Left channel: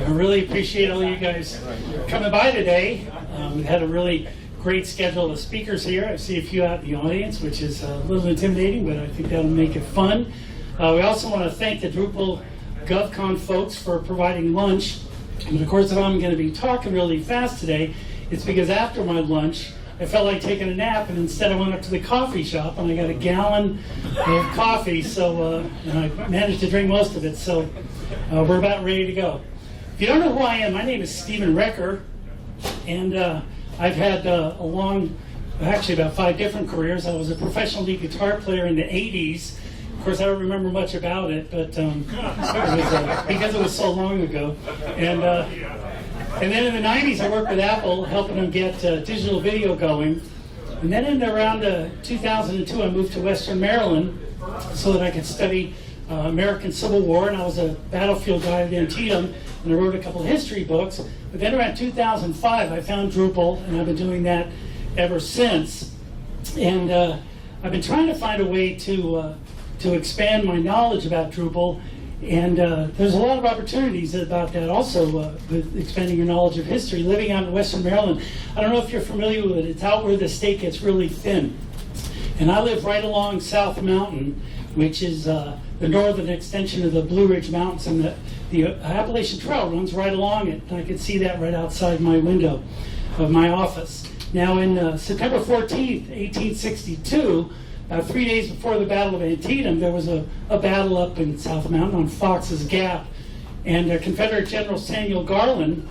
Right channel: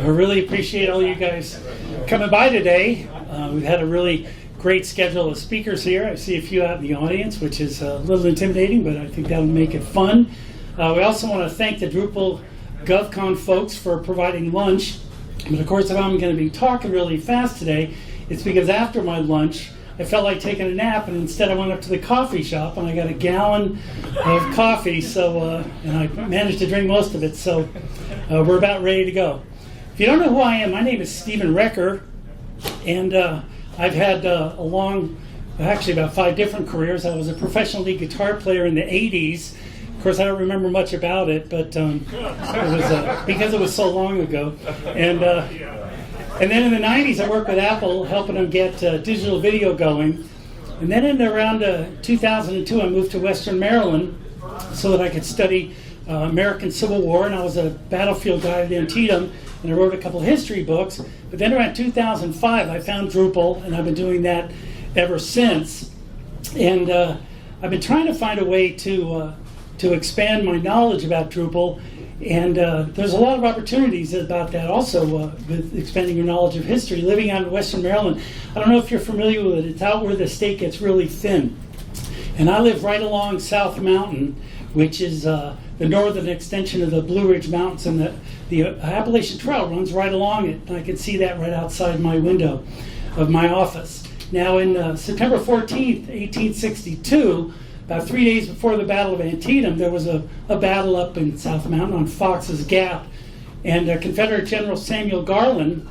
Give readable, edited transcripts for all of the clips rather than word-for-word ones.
I really appreciate all you guys coming by today. We've had a really great schedule of speakers here. I see a few out in the audience, which is a little intimidating, but I think that'll make it fun. We also want to thank the Drupal GovCon folks for providing lunch. But of course, if I'm going to be talking really fast today, it's because after my lunch, I felt like taking a nap, and instead I went up to the coffee shop and I got a gallon of coffee, and I managed to drink most of it, so we're about ready to go. If you don't know who I am, my name is Stephen Recker, and I've had actually about 5 different careers. I was a professional lead guitar player in the 80s. Of course, I don't remember much about it, but it was, because it was so long ago. And then in the 90s, I worked with Apple, helping them get digital video going. And then in around 2002, I moved to Western Maryland so that I could study American Civil War, and I was a battlefield guide at Antietam, and I wrote a couple of history books. But then around 2005, I found Drupal, and I've been doing that ever since. And I've been trying to find a way to expand my knowledge about Drupal, and there's a lot of opportunities about that also with expanding your knowledge of history. Living out in Western Maryland, I don't know if you're familiar with it, it's out where the state gets really thin. And I live right along South Mountain, which is the northern extension of the Blue Ridge Mountains, and the Appalachian Trail runs right along it, and I can see that right outside my window of my office. Now in September 14th, 1862, about 3 days before the Battle of Antietam, there was a battle up in South Mountain on Fox's Gap, and Confederate General Samuel Garland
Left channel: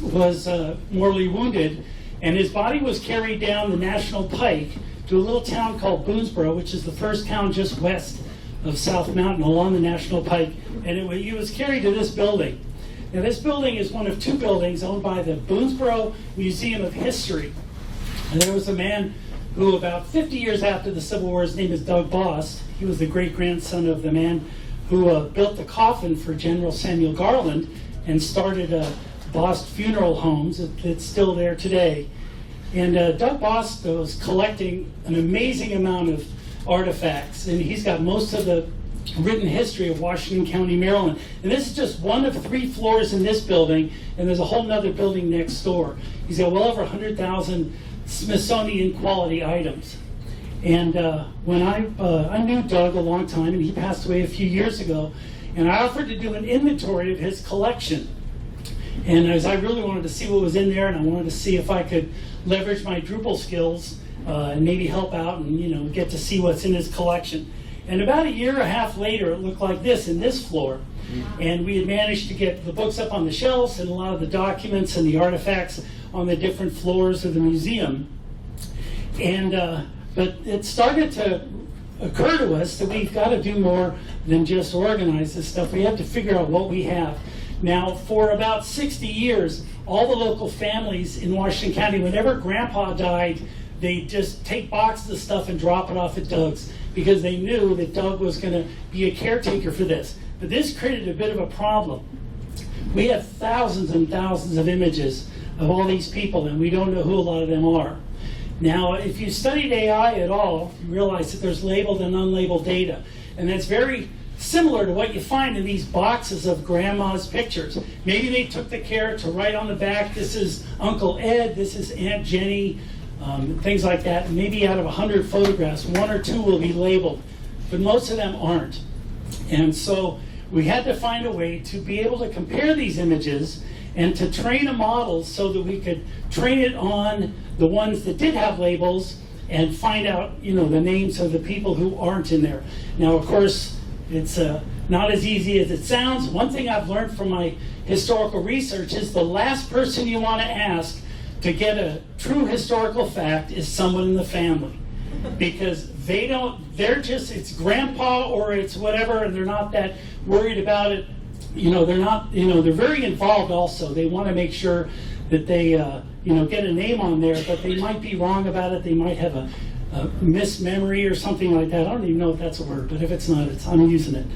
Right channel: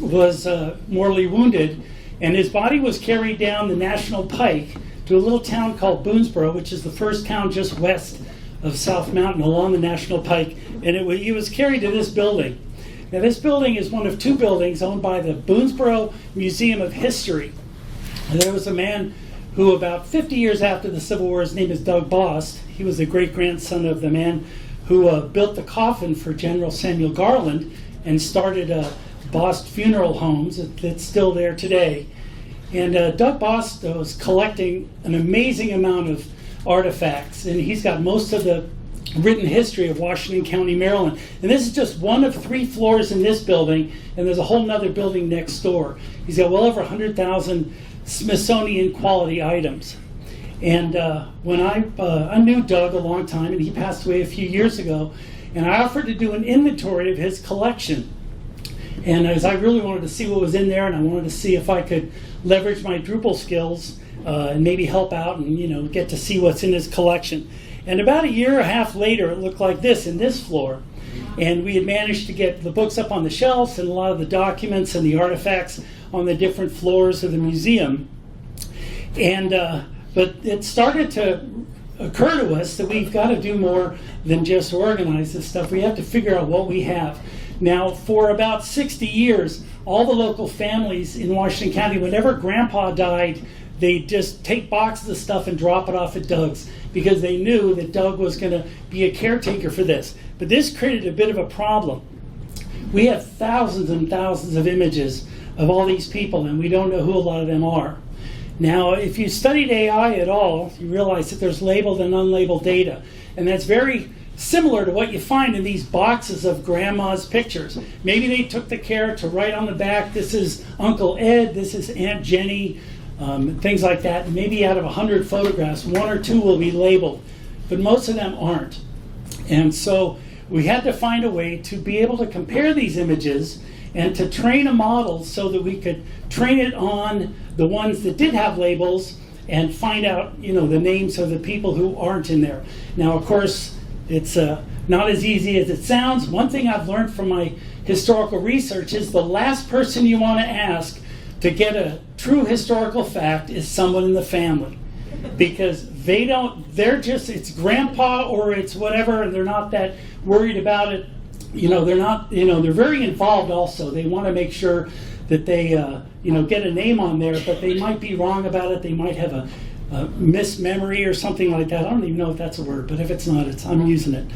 was mortally wounded, and his body was carried down the National Pike to a little town called Boonsborough, which is the first town just west of South Mountain along the National Pike, and he was carried to this building. Now this building is one of 2 buildings owned by the Boonsborough Museum of History. And there was a man who about 50 years after the Civil War, his name is Doug Bost. He was the great-grandson of the man who built the coffin for General Samuel Garland and started Bost Funeral Homes that's still there today. And Doug Bost was collecting an amazing amount of artifacts, and he's got most of the written history of Washington County, Maryland. And this is just one of 3 floors in this building, and there's a whole nother building next door. He's got well over 100,000 Smithsonian quality items. And when I knew Doug a long time, and he passed away a few years ago, and I offered to do an inventory of his collection. And as I really wanted to see what was in there, and I wanted to see if I could leverage my Drupal skills and maybe help out and get to see what's in his collection. And about a year and a half later, it looked like this in this floor. And we had managed to get the books up on the shelves and a lot of the documents and the artifacts on the different floors of the museum. And but it started to occur to us that we've got to do more than just organize this stuff. We have to figure out what we have. Now, for about 60 years, all the local families in Washington County, whenever Grandpa died, they'd just take boxes of stuff and drop it off at Doug's, because they knew that Doug was going to be a caretaker for this. But this created a bit of a problem. We have thousands and thousands of images of all these people, and we don't know who a lot of them are. Now, if you studied AI at all, you realize that there's labeled and unlabeled data, and that's very similar to what you find in these boxes of grandma's pictures. Maybe they took the care to write on the back, this is Uncle Ed, this is Aunt Jenny, things like that. And maybe out of 100 photographs, 1 or 2 will be labeled, but most of them aren't. And so we had to find a way to be able to compare these images and to train a model so that we could train it on the ones that did have labels and find out, the names of the people who aren't in there. Now, of course, it's not as easy as it sounds. One thing I've learned from my historical research is the last person you want to ask to get a true historical fact is someone in the family. Because it's grandpa or it's whatever, and they're not that worried about it. They're very involved also. They want to make sure that they, get a name on there, but they might be wrong about it. They might have a mismemory or something like that. I don't even know if that's a word, but if it's not, I'm using it.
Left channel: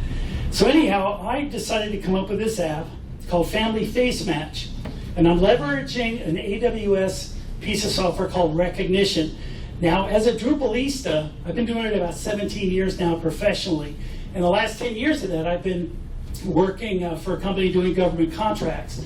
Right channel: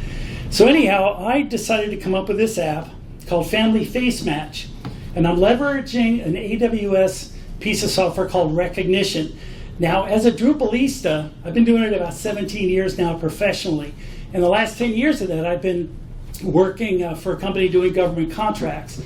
So anyhow, I decided to come up with this app called Family Face Match, and I'm leveraging an AWS piece of software called Rekognition. Now, as a Drupalista, I've been doing it about 17 years now professionally. And the last 10 years of that, I've been working for a company doing government contracts.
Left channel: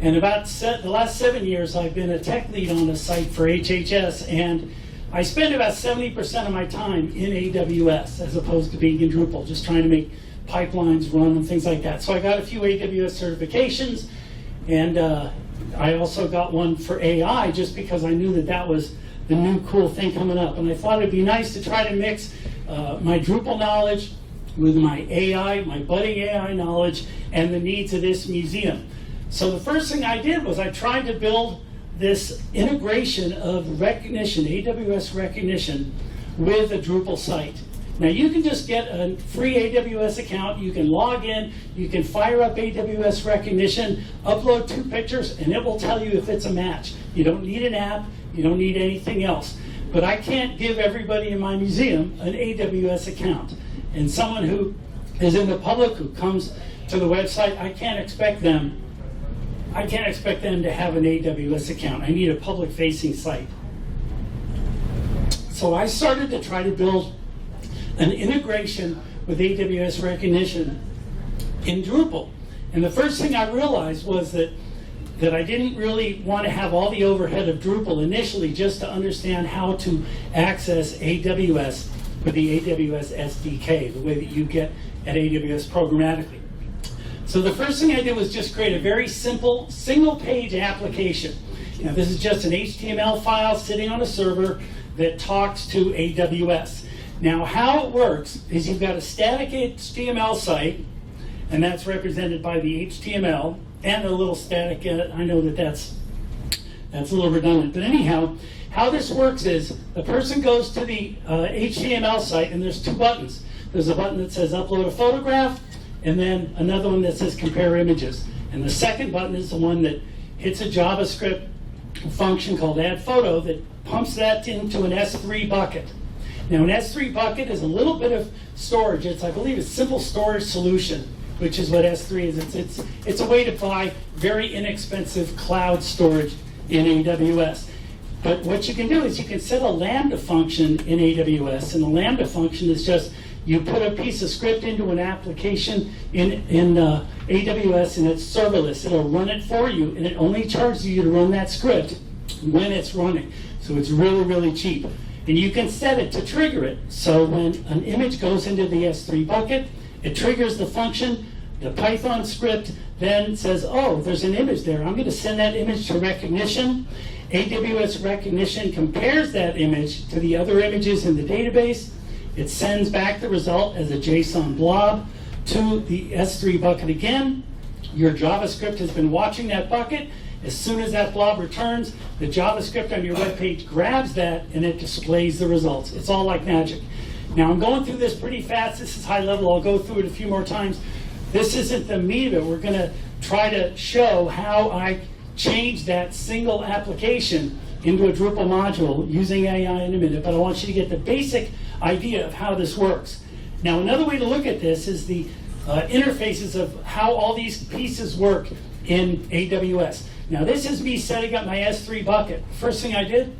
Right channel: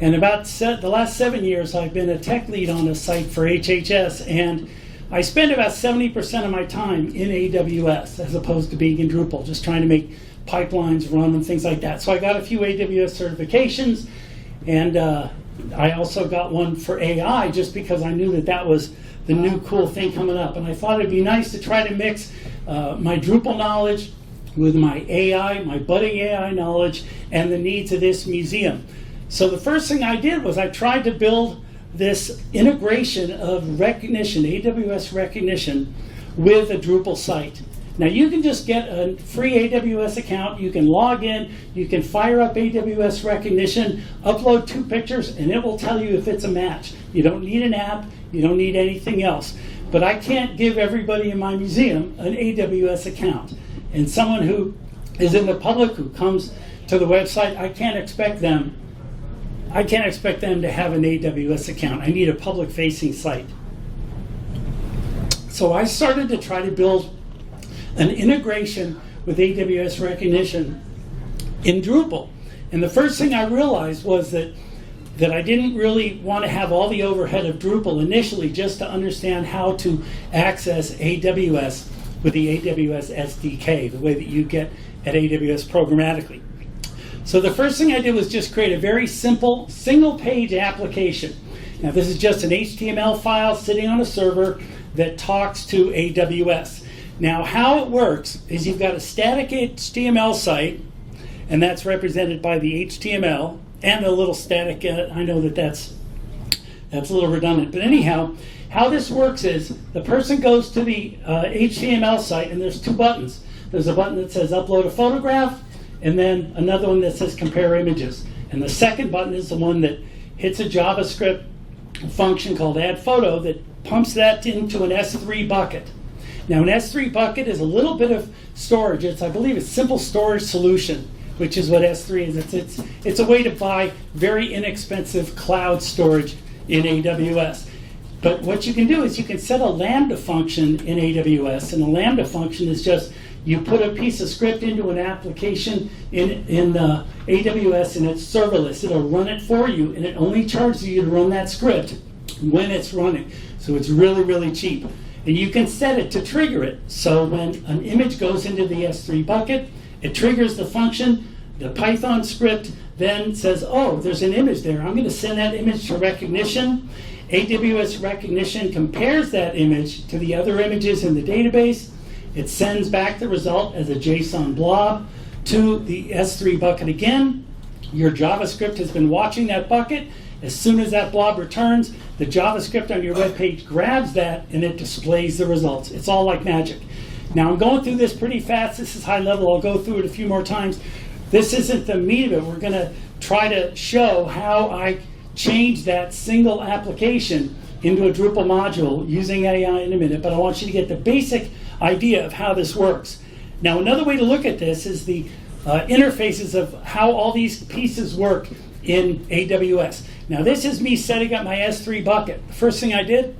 And about the last 7 years, I've been a tech lead on a site for HHS, and I spend about 70% of my time in AWS as opposed to being in Drupal, just trying to make pipelines run and things like that. So I got a few AWS certifications, and I also got one for AI just because I knew that that was the new cool thing coming up. And I thought it'd be nice to try to mix my Drupal knowledge with my AI, my budding AI knowledge, and the needs of this museum. So the first thing I did was I tried to build this integration of Rekognition, AWS Rekognition, with a Drupal site. Now you can just get a free AWS account, you can log in, you can fire up AWS Rekognition, upload 2 pictures, and it will tell you if it's a match. You don't need an app, you don't need anything else. But I can't give everybody in my museum an AWS account. And someone who is in the public, who comes to the website, I can't expect them to have an AWS account. I need a public-facing site. So I started to try to build an integration with AWS Rekognition in Drupal. And the first thing I realized was that I didn't really want to have all the overhead of Drupal initially, just to understand how to access AWS with the AWS SDK, the way that you get at AWS programmatically. So the first thing I did was just create a very simple single-page application. Now this is just an HTML file sitting on a server that talks to AWS. Now how it works is you've got a static HTML site, and that's represented by the HTML and the little static, I know that that's a little redundant, but anyhow, how this works is the person goes to the HTML site, and there's 2 buttons. There's a button that says upload a photograph, and then another one that says compare images. And the second button is the one that hits a JavaScript function called add photo that pumps that into an S3 bucket. Now an S3 bucket is a little bit of storage. I believe it's simple storage solution, which is what S3 is. It's a way to buy very inexpensive cloud storage in AWS. But what you can do is you can set a Lambda function in AWS, and the Lambda function is just you put a piece of script into an application in AWS, and it's serverless. It'll run it for you, and it only charges you to run that script when it's running. So it's really, really cheap. And you can set it to trigger it. So when an image goes into the S3 bucket, it triggers the function. The Python script then says, oh, there's an image there. I'm going to send that image to Rekognition. AWS Rekognition compares that image to the other images in the database. It sends back the result as a JSON blob to the S3 bucket again. Your JavaScript has been watching that bucket. As soon as that blob returns, the JavaScript on your web page grabs that and it displays the results. It's all like magic. Now I'm going through this pretty fast. This is high level. I'll go through it a few more times. This isn't the meat of it. We're going to try to show how I change that single application into a Drupal module using AI in a minute, but I want you to get the basic idea of how this works. Now another way to look at this is the interfaces of how all these pieces work in AWS. Now this is me setting up my S3 bucket. First thing I did,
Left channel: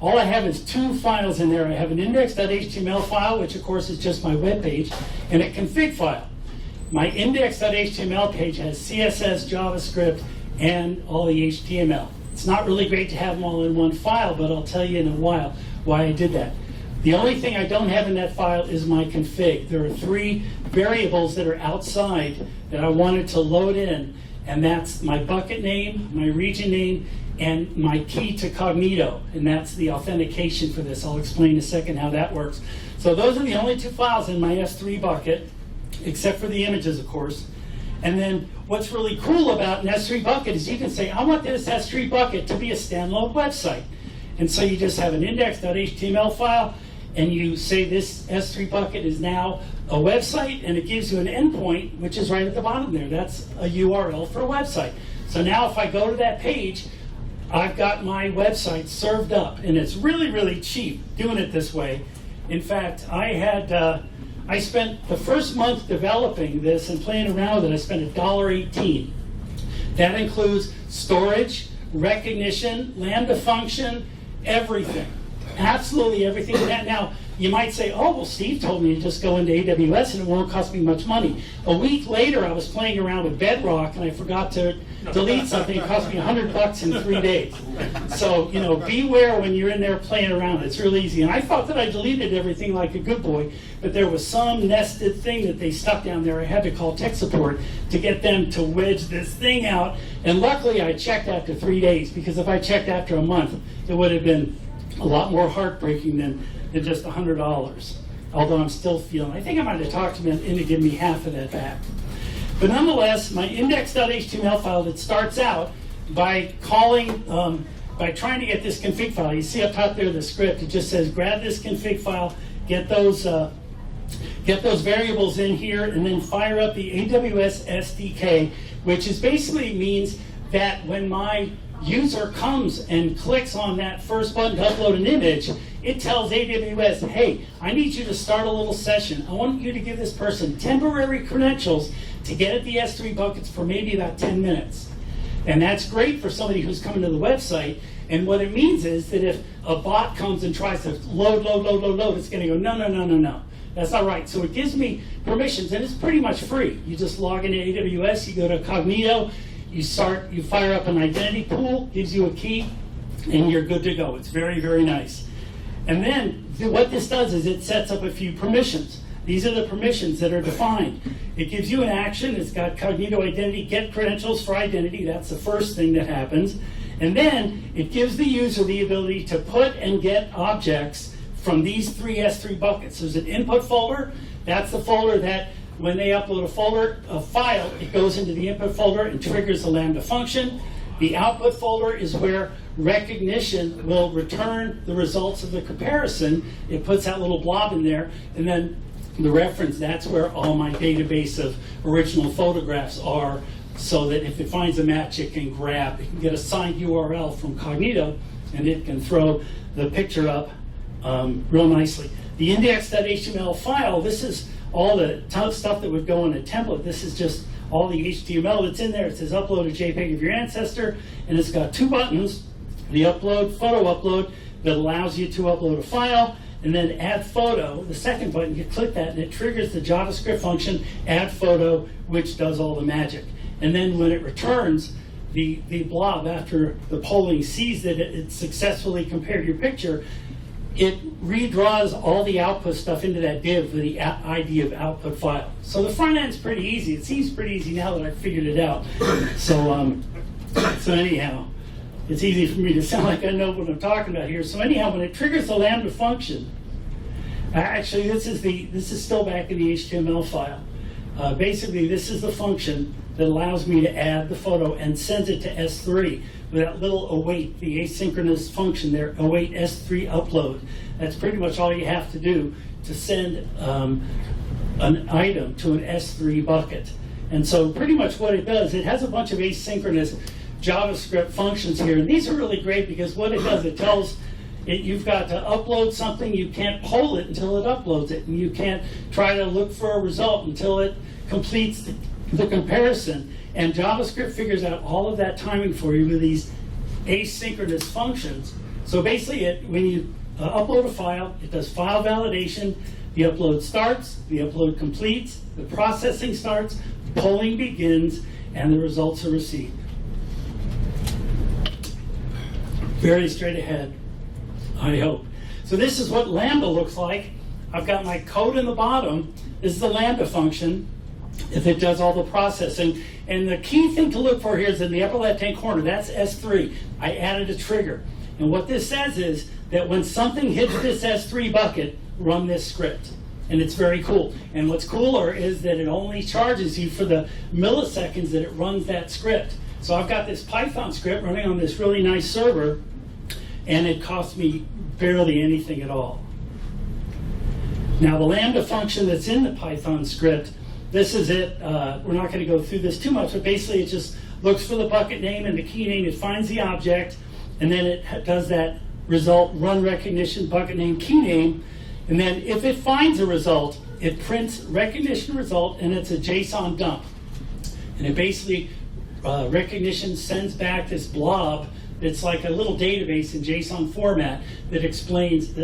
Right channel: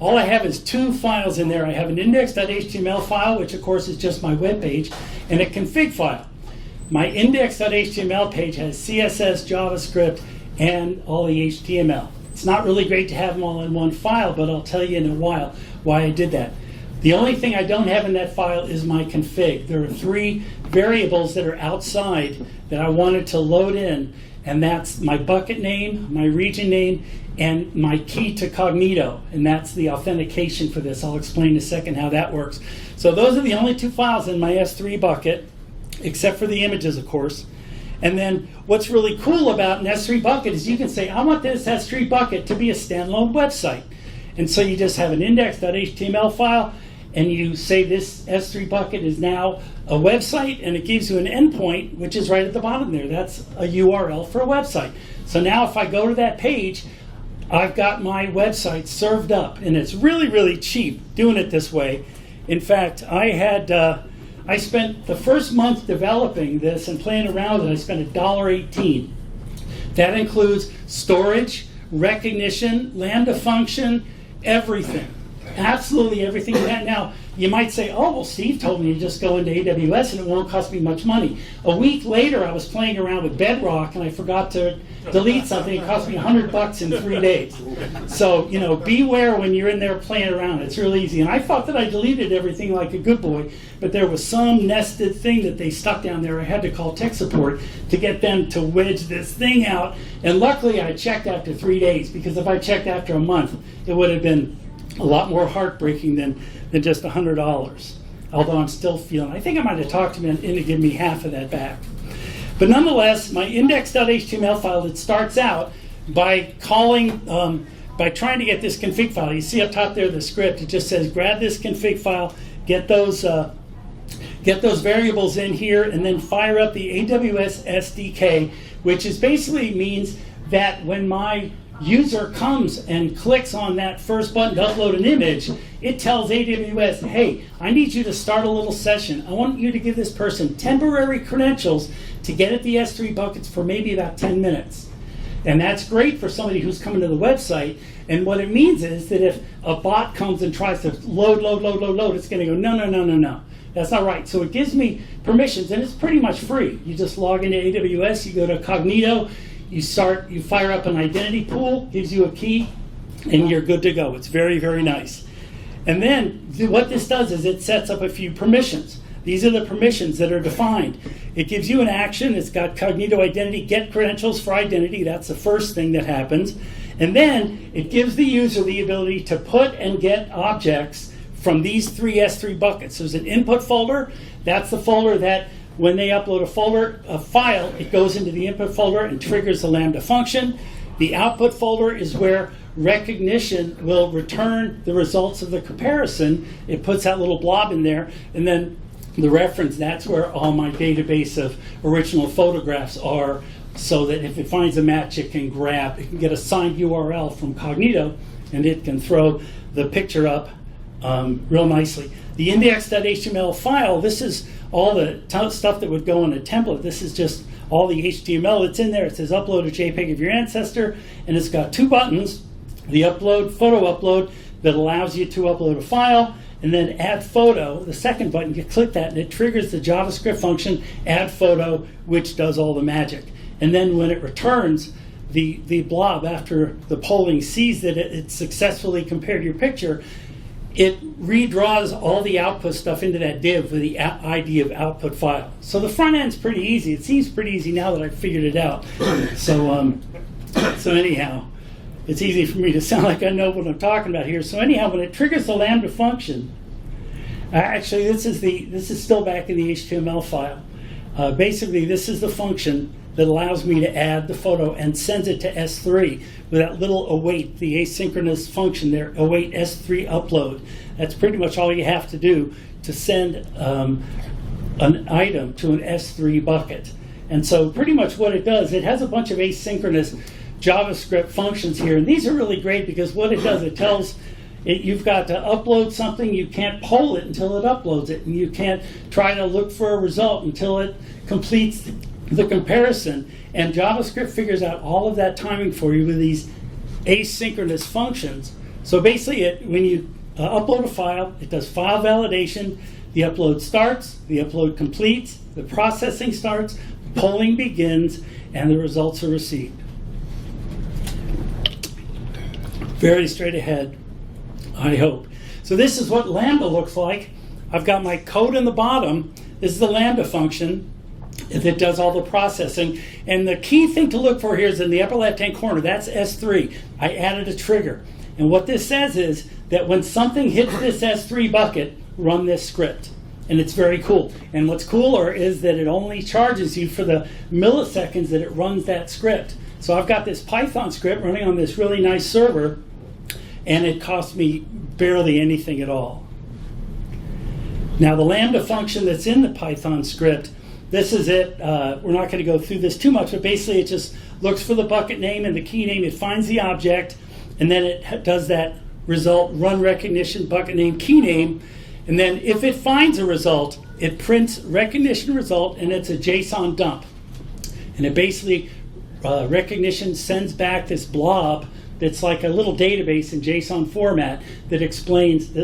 all I have is 2 files in there. I have an index.html file, which of course is just my web page, and a config file. My index.html page has CSS, JavaScript, and all the HTML. It's not really great to have them all in one file, but I'll tell you in a while why I did that. The only thing I don't have in that file is my config. There are 3 variables that are outside that I wanted to load in, and that's my bucket name, my region name, and my key to Cognito, and that's the authentication for this. I'll explain in a second how that works. So those are the only 2 files in my S3 bucket, except for the images, of course. And then what's really cool about an S3 bucket is you can say, I want this S3 bucket to be a standalone website. And so you just have an index.html file, and you say this S3 bucket is now a website, and it gives you an endpoint, which is right at the bottom there. That's a URL for a website. So now if I go to that page, I've got my website served up, and it's really, really cheap doing it this way. In fact, I spent the first month developing this and playing around with it. I spent $1.18. That includes storage, Rekognition, Lambda function, everything. Absolutely everything. Now, you might say, oh, well, Steve told me to just go into AWS and it won't cost me much money. A week later, I was playing around with Bedrock and I forgot to delete something. It cost me $100 in 3 days. So, beware when you're in there playing around. It's real easy. And I thought that I deleted everything like a good boy, but there was some nested thing that they stuck down there. I had to call tech support to get them to wedge this thing out. And luckily, I checked after 3 days, because if I checked after a month, it would have been a lot more heartbreaking than just $100. Although I'm still feeling, I think I might have talked to them into giving me half of that back. But nonetheless, my index.html file that starts out by by trying to get this config file. You see up top there the script. It just says grab this config file, get those variables in here, and then fire up the AWS SDK, which is basically means that when my user comes and clicks on that first button to upload an image, it tells AWS, hey, I need you to start a little session. I want you to give this person temporary credentials to get at the S3 buckets for maybe about 10 minutes. And that's great for somebody who's coming to the website. And what it means is that if a bot comes and tries to load, it's going to go, no. That's not right. So it gives me permissions, and it's pretty much free. You just log into AWS, you go to Cognito, you fire up an identity pool, gives you a key, and you're good to go. It's very, very nice. And then what this does is it sets up a few permissions. These are the permissions that are defined. It gives you an action. It's got Cognito identity, get credentials for identity. That's the first thing that happens. And then it gives the user the ability to put and get objects from these three S3 buckets. There's an input folder. That's the folder that when they upload a file, it goes into the input folder and triggers the Lambda function. The output folder is where Rekognition will return the results of the comparison. It puts that little blob in there, and then the reference, that's where all my database of original photographs are, so that if it finds a match, it can get a signed URL from Cognito, and it can throw the picture up real nicely. The index.html file, this is all the stuff that would go in a template. This is just all the HTML that's in there. It says upload a JPEG of your ancestor, and it's got two buttons. The photo upload that allows you to upload a file, and then add photo, the second button, you click that and it triggers the JavaScript function add photo, which does all the magic. And then when it returns the blob, after the polling sees that it successfully compared your picture, it redraws all the output stuff into that div with the ID of output file. So the front end's pretty easy. It seems pretty easy now that I've figured it out. So anyhow, it's easy for me to sound like I know what I'm talking about here. So anyhow, when it triggers the Lambda function, actually this is still back in the HTML file. Basically, this is the function that allows me to add the photo and sends it to S3 with that little await, the asynchronous function there, await S3 upload. That's pretty much all you have to do to send an item to an S3 bucket. And so pretty much what it does, it has a bunch of asynchronous JavaScript functions here. And these are really great because what it does, it tells it you've got to upload something, you can't poll it until it uploads it, and you can't try to look for a result until it completes the comparison. And JavaScript figures out all of that timing for you with these asynchronous functions. So basically, when you upload a file, it does file validation, the upload starts, the upload completes, the processing starts, polling begins, and the results are received. Very straight ahead, I hope. So this is what Lambda looks like. I've got my code in the bottom. This is the Lambda function that does all the processing. And the key thing to look for here is in the upper left-hand corner. That's S3. I added a trigger. And what this says is that when something hits this S3 bucket, run this script. And it's very cool. And what's cooler is that it only charges you for the milliseconds that it runs that script. So I've got this Python script running on this really nice server, and it cost me barely anything at all. Now the Lambda function that's in the Python script, this is it. We're not going to go through this too much, but basically it just looks for the bucket name and the key name. It finds the object, and then it does that result, run Rekognition, bucket name, key name. And then if it finds a result, it prints Rekognition result, and it's a JSON dump. And it basically, Rekognition sends back this blob It's like a little database in JSON format that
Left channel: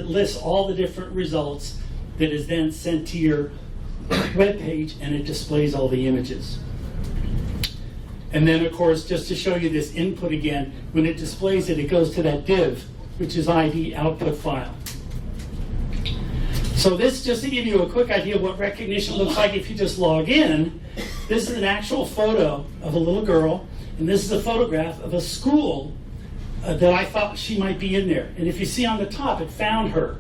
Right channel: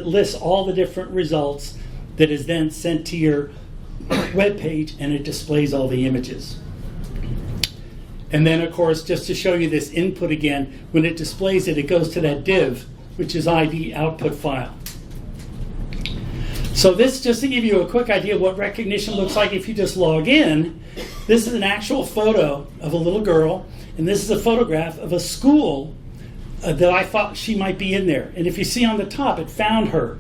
lists all the different results that is then sent to your web page, and it displays all the images. And then, of course, just to show you this input again, when it displays it, it goes to that div, which is ID output file. So this, just to give you a quick idea of what Rekognition looks like if you just log in, this is an actual photo of a little girl, and this is a photograph of a school that I thought she might be in there. And if you see on the top, it found her.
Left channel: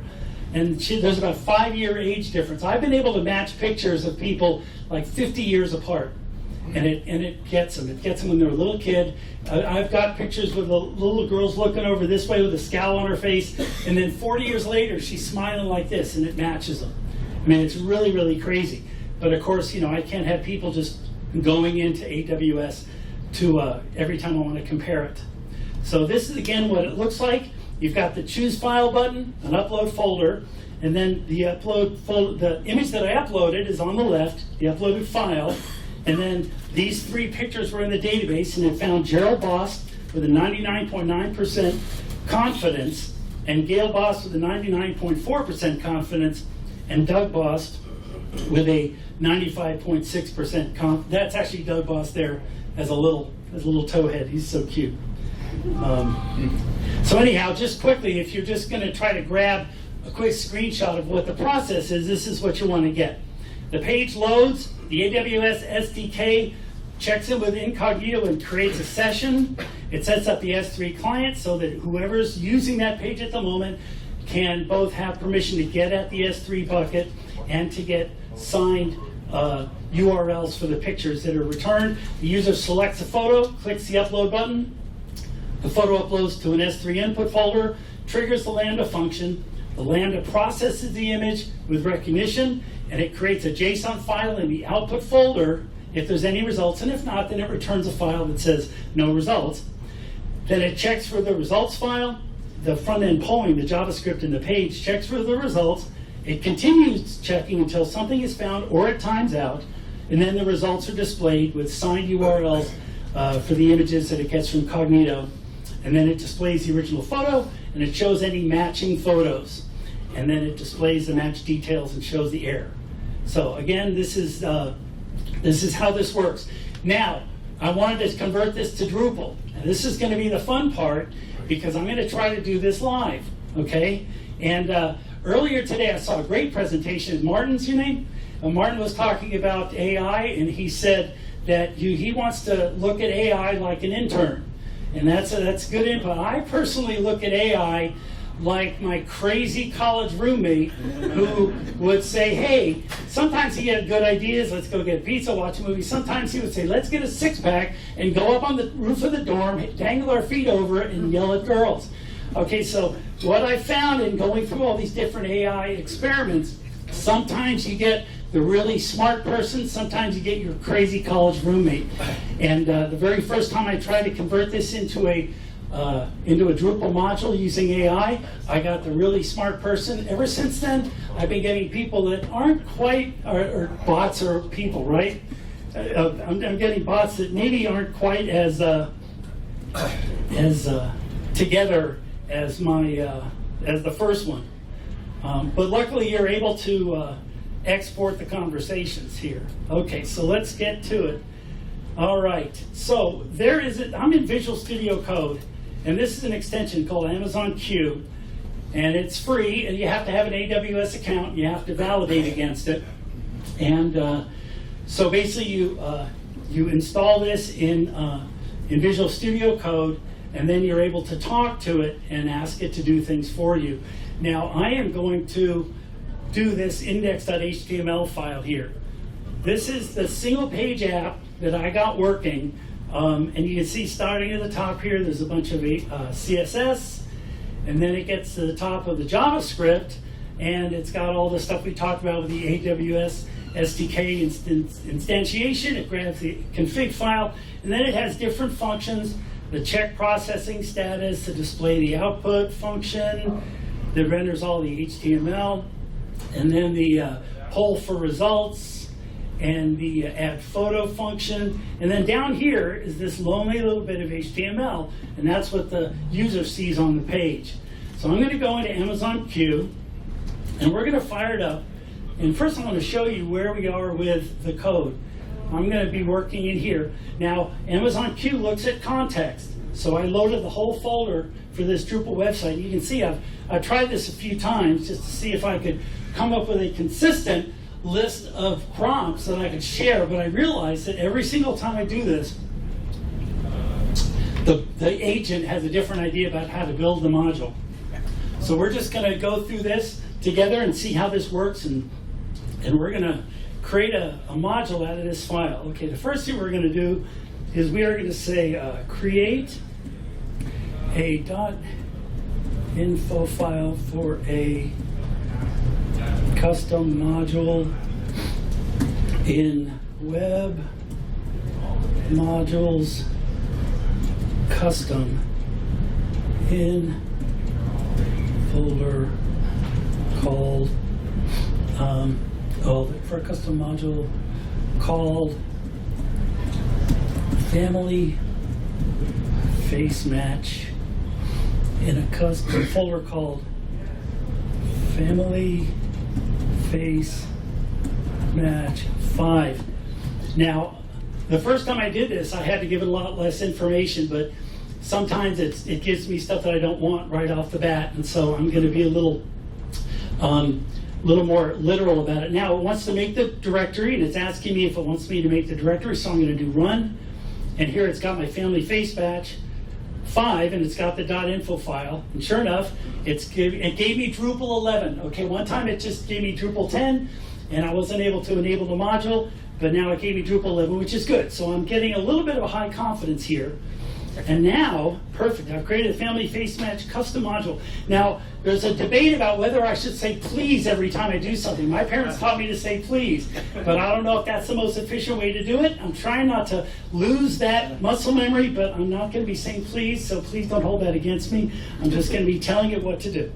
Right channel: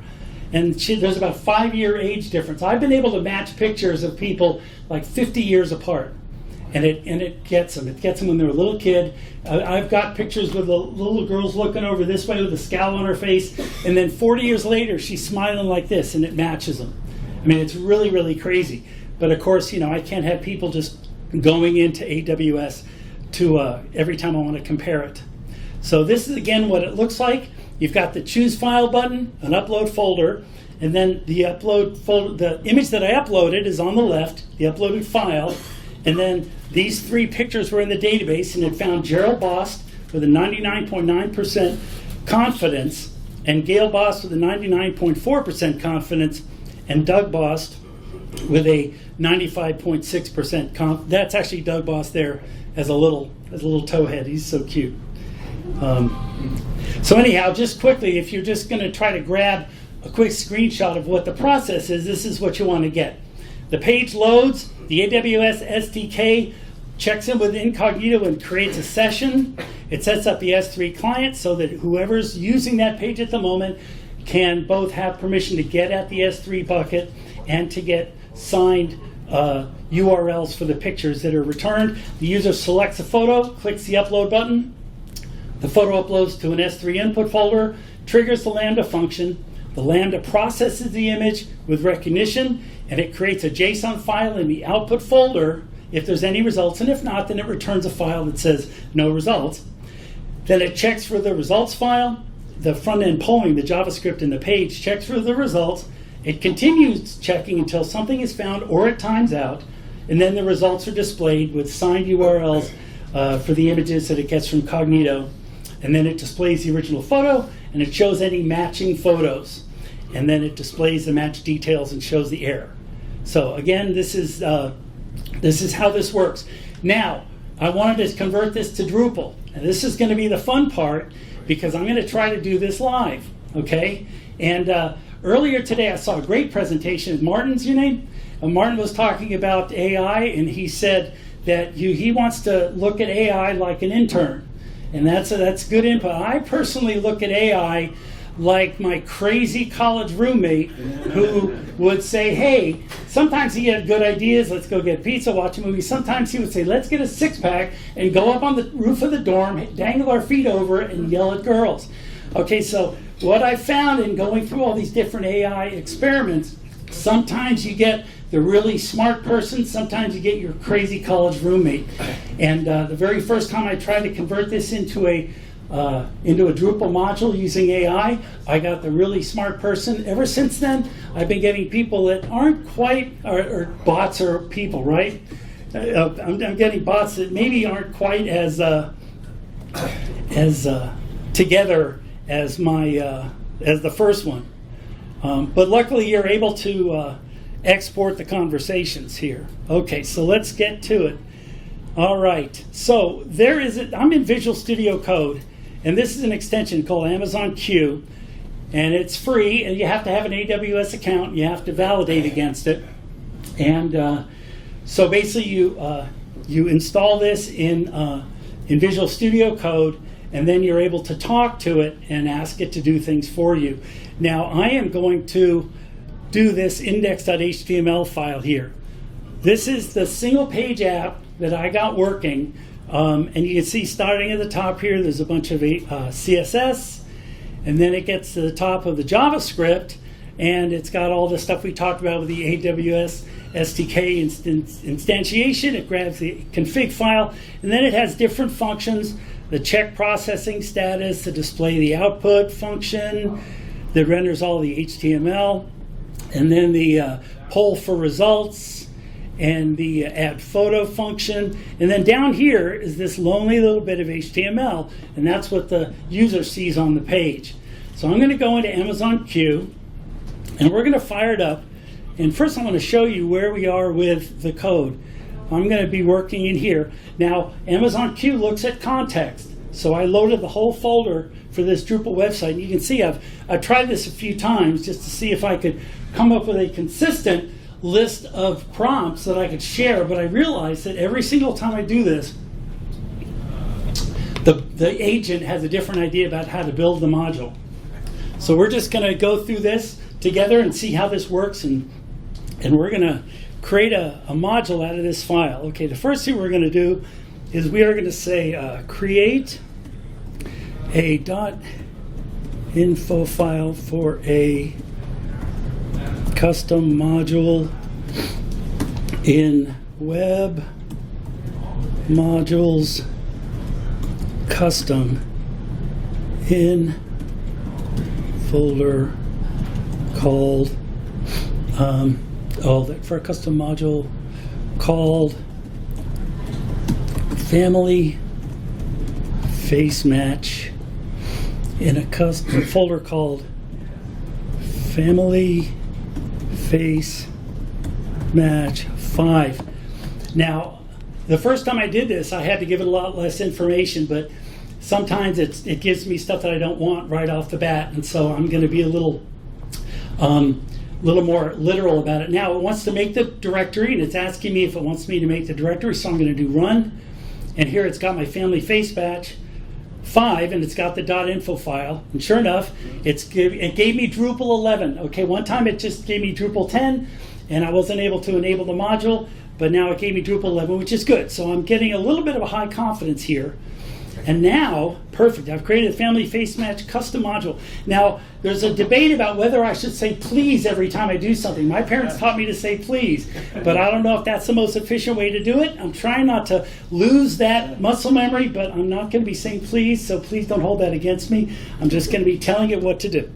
And there's about a 5-year age difference. I've been able to match pictures of people like 50 years apart. And it gets them. It gets them when they're a little kid. I've got pictures with the little girls looking over this way with a scowl on her face, and then 40 years later, she's smiling like this, and it matches them. I mean, it's really, really crazy. But of course, I can't have people just going into AWS to every time I want to compare it. So this is again what it looks like. You've got the choose file button, an upload folder, and then the image that I uploaded is on the left, the uploaded file. And then these 3 pictures were in the database, and it found Gerald Bost with a 99.9% confidence, and Gail Bost with a 99.4% confidence, and Doug Bost with a 95.6% confidence. That's actually Doug Bost there as a little towhead. He's so cute. So anyhow, just quickly, if you're just going to try to grab a quick screenshot of what the process is, this is what you want to get. The page loads. The AWS SDK checks in with incognito and creates a session. It sets up the S3 client so that whoever's using that page at the moment can both have permission to get at the S3 bucket and to get signed URLs for the pictures that are returned. The user selects a photo, clicks the upload button. The photo uploads to an S3 input folder, triggers the Lambda function. The Lambda processes the image with Rekognition, and it creates a JSON file in the output folder if there's any results, and if not, then it returns a file that says no results. Then it checks for the results file. The front-end polling, the JavaScript in the page, checks for the results. It continues checking until something is found or it times out, and then the results are displayed with signed URLs for the images that it gets from Cognito. And then it displays the original photo, and it shows any matching photos. And then it displays the match details and shows the error. So again, this is how this works. Now, I wanted to convert this to Drupal, and this is going to be the fun part because I'm going to try to do this live, okay? And earlier today, I saw a great presentation. Martin's your name? Martin was talking about AI, and he said that he wants to look at AI like an intern, and that's good input. I personally look at AI like my crazy college roommate who would say, hey, sometimes he had good ideas, let's go get pizza, watch a movie. Sometimes he would say, let's get a 6-pack and go up on the roof of the dorm, dangle our feet over it, and yell at girls. Okay, so what I found in going through all these different AI experiments, sometimes you get the really smart person, sometimes you get your crazy college roommate. And the very first time I tried to convert this into a Drupal module using AI, I got the really smart person. Ever since then, I've been getting people that aren't quite, or bots are people, right? I'm getting bots that maybe aren't quite as together as as the first one. But luckily, you're able to export the conversations here. Okay, so let's get to it. All right, so I'm in Visual Studio Code. And this is an extension called Amazon Q, and it's free, and you have to have an AWS account, and you have to validate against it. And so basically you install this in Visual Studio Code, and then you're able to talk to it and ask it to do things for you. Now I am going to do this index.html file here. This is the single page app that I got working. And you can see starting at the top here, there's a bunch of CSS, and then it gets to the top of the JavaScript, and it's got all the stuff we talked about with the AWS SDK instantiation. It grabs the config file, and then it has different functions, the check processing status, the display the output function that renders all the HTML, and then the poll for results, and the add photo function. And then down here is this lonely little bit of HTML, and that's what the user sees on the page. So I'm going to go into Amazon Q, and we're going to fire it up. And first I want to show you where we are with the code. I'm going to be working in here. Now, Amazon Q looks at context. So I loaded the whole folder for this Drupal website. You can see I've tried this a few times just to see if I could come up with a consistent list of prompts that I could share, but I realized that every single time I do this, the agent has a different idea about how to build the module. So we're just going to go through this together and see how this works, and we're going to create a module out of this file. Okay, the first thing we're going to do is we are going to say create a .info file for a custom module in web modules custom in folder called for a custom module called family face match in a custom folder called family face match 5. Now, the first time I did this, I had to give it a lot less information, but sometimes it gives me stuff that I don't want right off the bat, and so I'm going to be a little more literal about it. Now, it wants to make the directory, and it's asking me if it wants me to make the directory, so I'm going to do run. And here it's got my family face match 5, and it's got the .info file. And sure enough, it gave me Drupal 11. Okay, one time it just gave me Drupal 10, and I wasn't able to enable the module, but now it gave me Drupal 11, which is good. So I'm getting a little bit of a high confidence here. And now, perfect, I've created a family face match custom module. Now, there's a debate about whether I should say please every time I do something. My parents taught me to say please, but I don't know if that's the most efficient way to do it. I'm trying not to lose that muscle memory, but I'm not going to be saying please, so please don't hold that against me. I'm just going to be telling it what to do.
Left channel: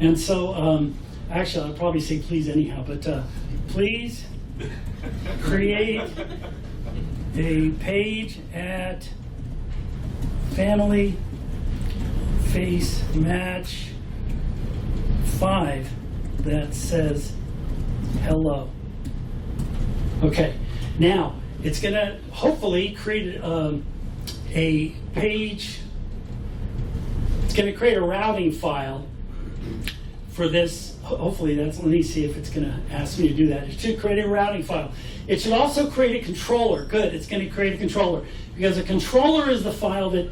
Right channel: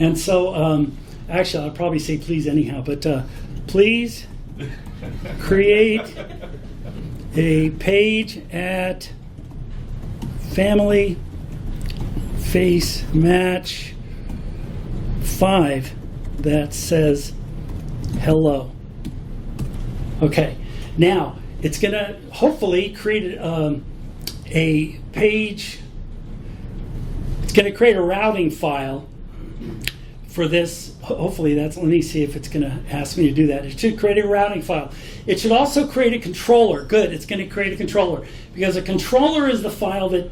And so, actually, I'll probably say please anyhow, but please create a page at family face match 5 that says hello. Okay, now it's going to hopefully create a page. It's going to create a routing file for this. Hopefully that's, let me see if it's going to ask me to do that. It should create a routing file. It should also create a controller. Good, it's going to create a controller, because a controller is the file that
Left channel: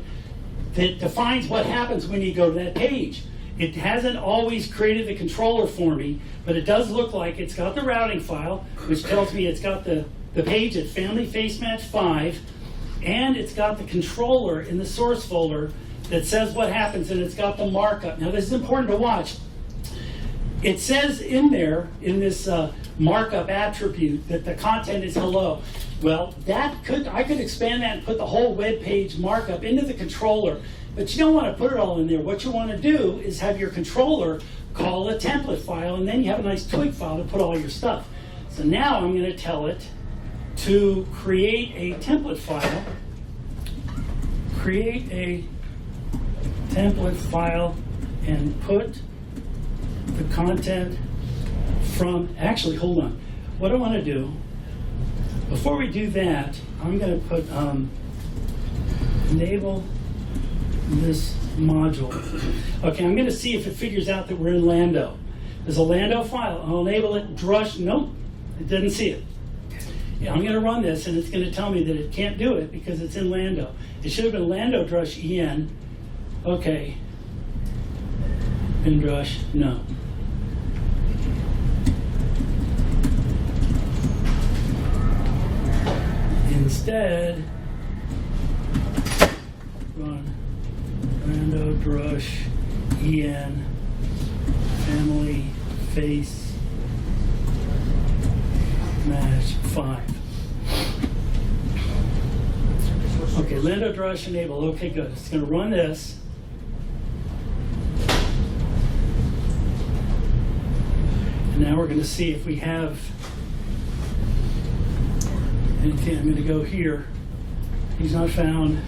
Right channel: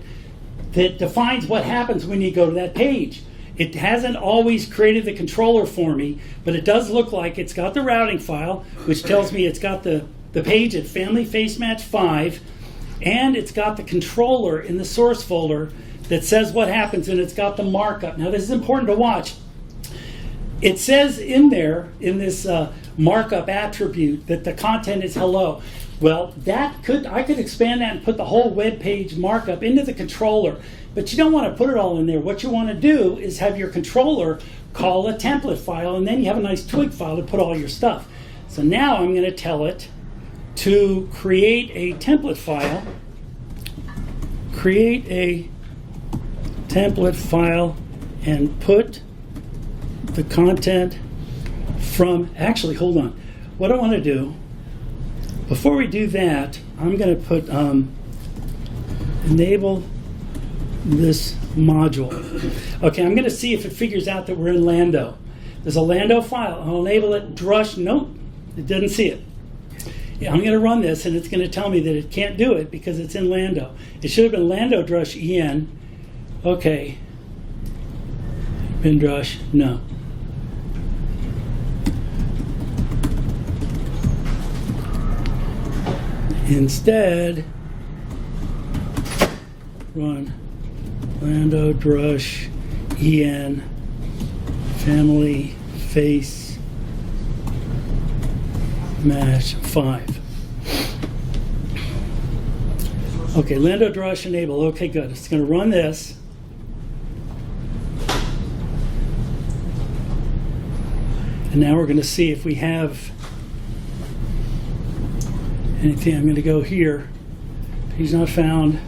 defines what happens when you go to that page. It hasn't always created the controller for me, but it does look like it's got the routing file, which tells me it's got the page at family face match 5, and it's got the controller in the source folder that says what happens, and it's got the markup. Now this is important to watch. It says in there, in this markup attribute, that the content is hello. Well, I could expand that and put the whole web page markup into the controller, but you don't want to put it all in there. What you want to do is have your controller call a template file, and then you have a nice twig file to put all your stuff. So now I'm going to tell it to create a template file, and put the content from, actually, hold on. What I want to do, before we do that, I'm going to put enable this module. Okay, I'm going to see if it figures out that we're in Lambda. There's a Lambda file. I'll enable it. Drush, nope, it doesn't see it. Yeah, I'm going to run this, and it's going to tell me that it can't do it because it's in Lambda. It should have been Lambda drush en. Okay. Drush, no. Instead, run Lambda drush en family face match 5. Okay, Lambda drush enable. Okay, good. It's going to run this. And now we're going to see if we have anything. I'm going to go here. He's not found.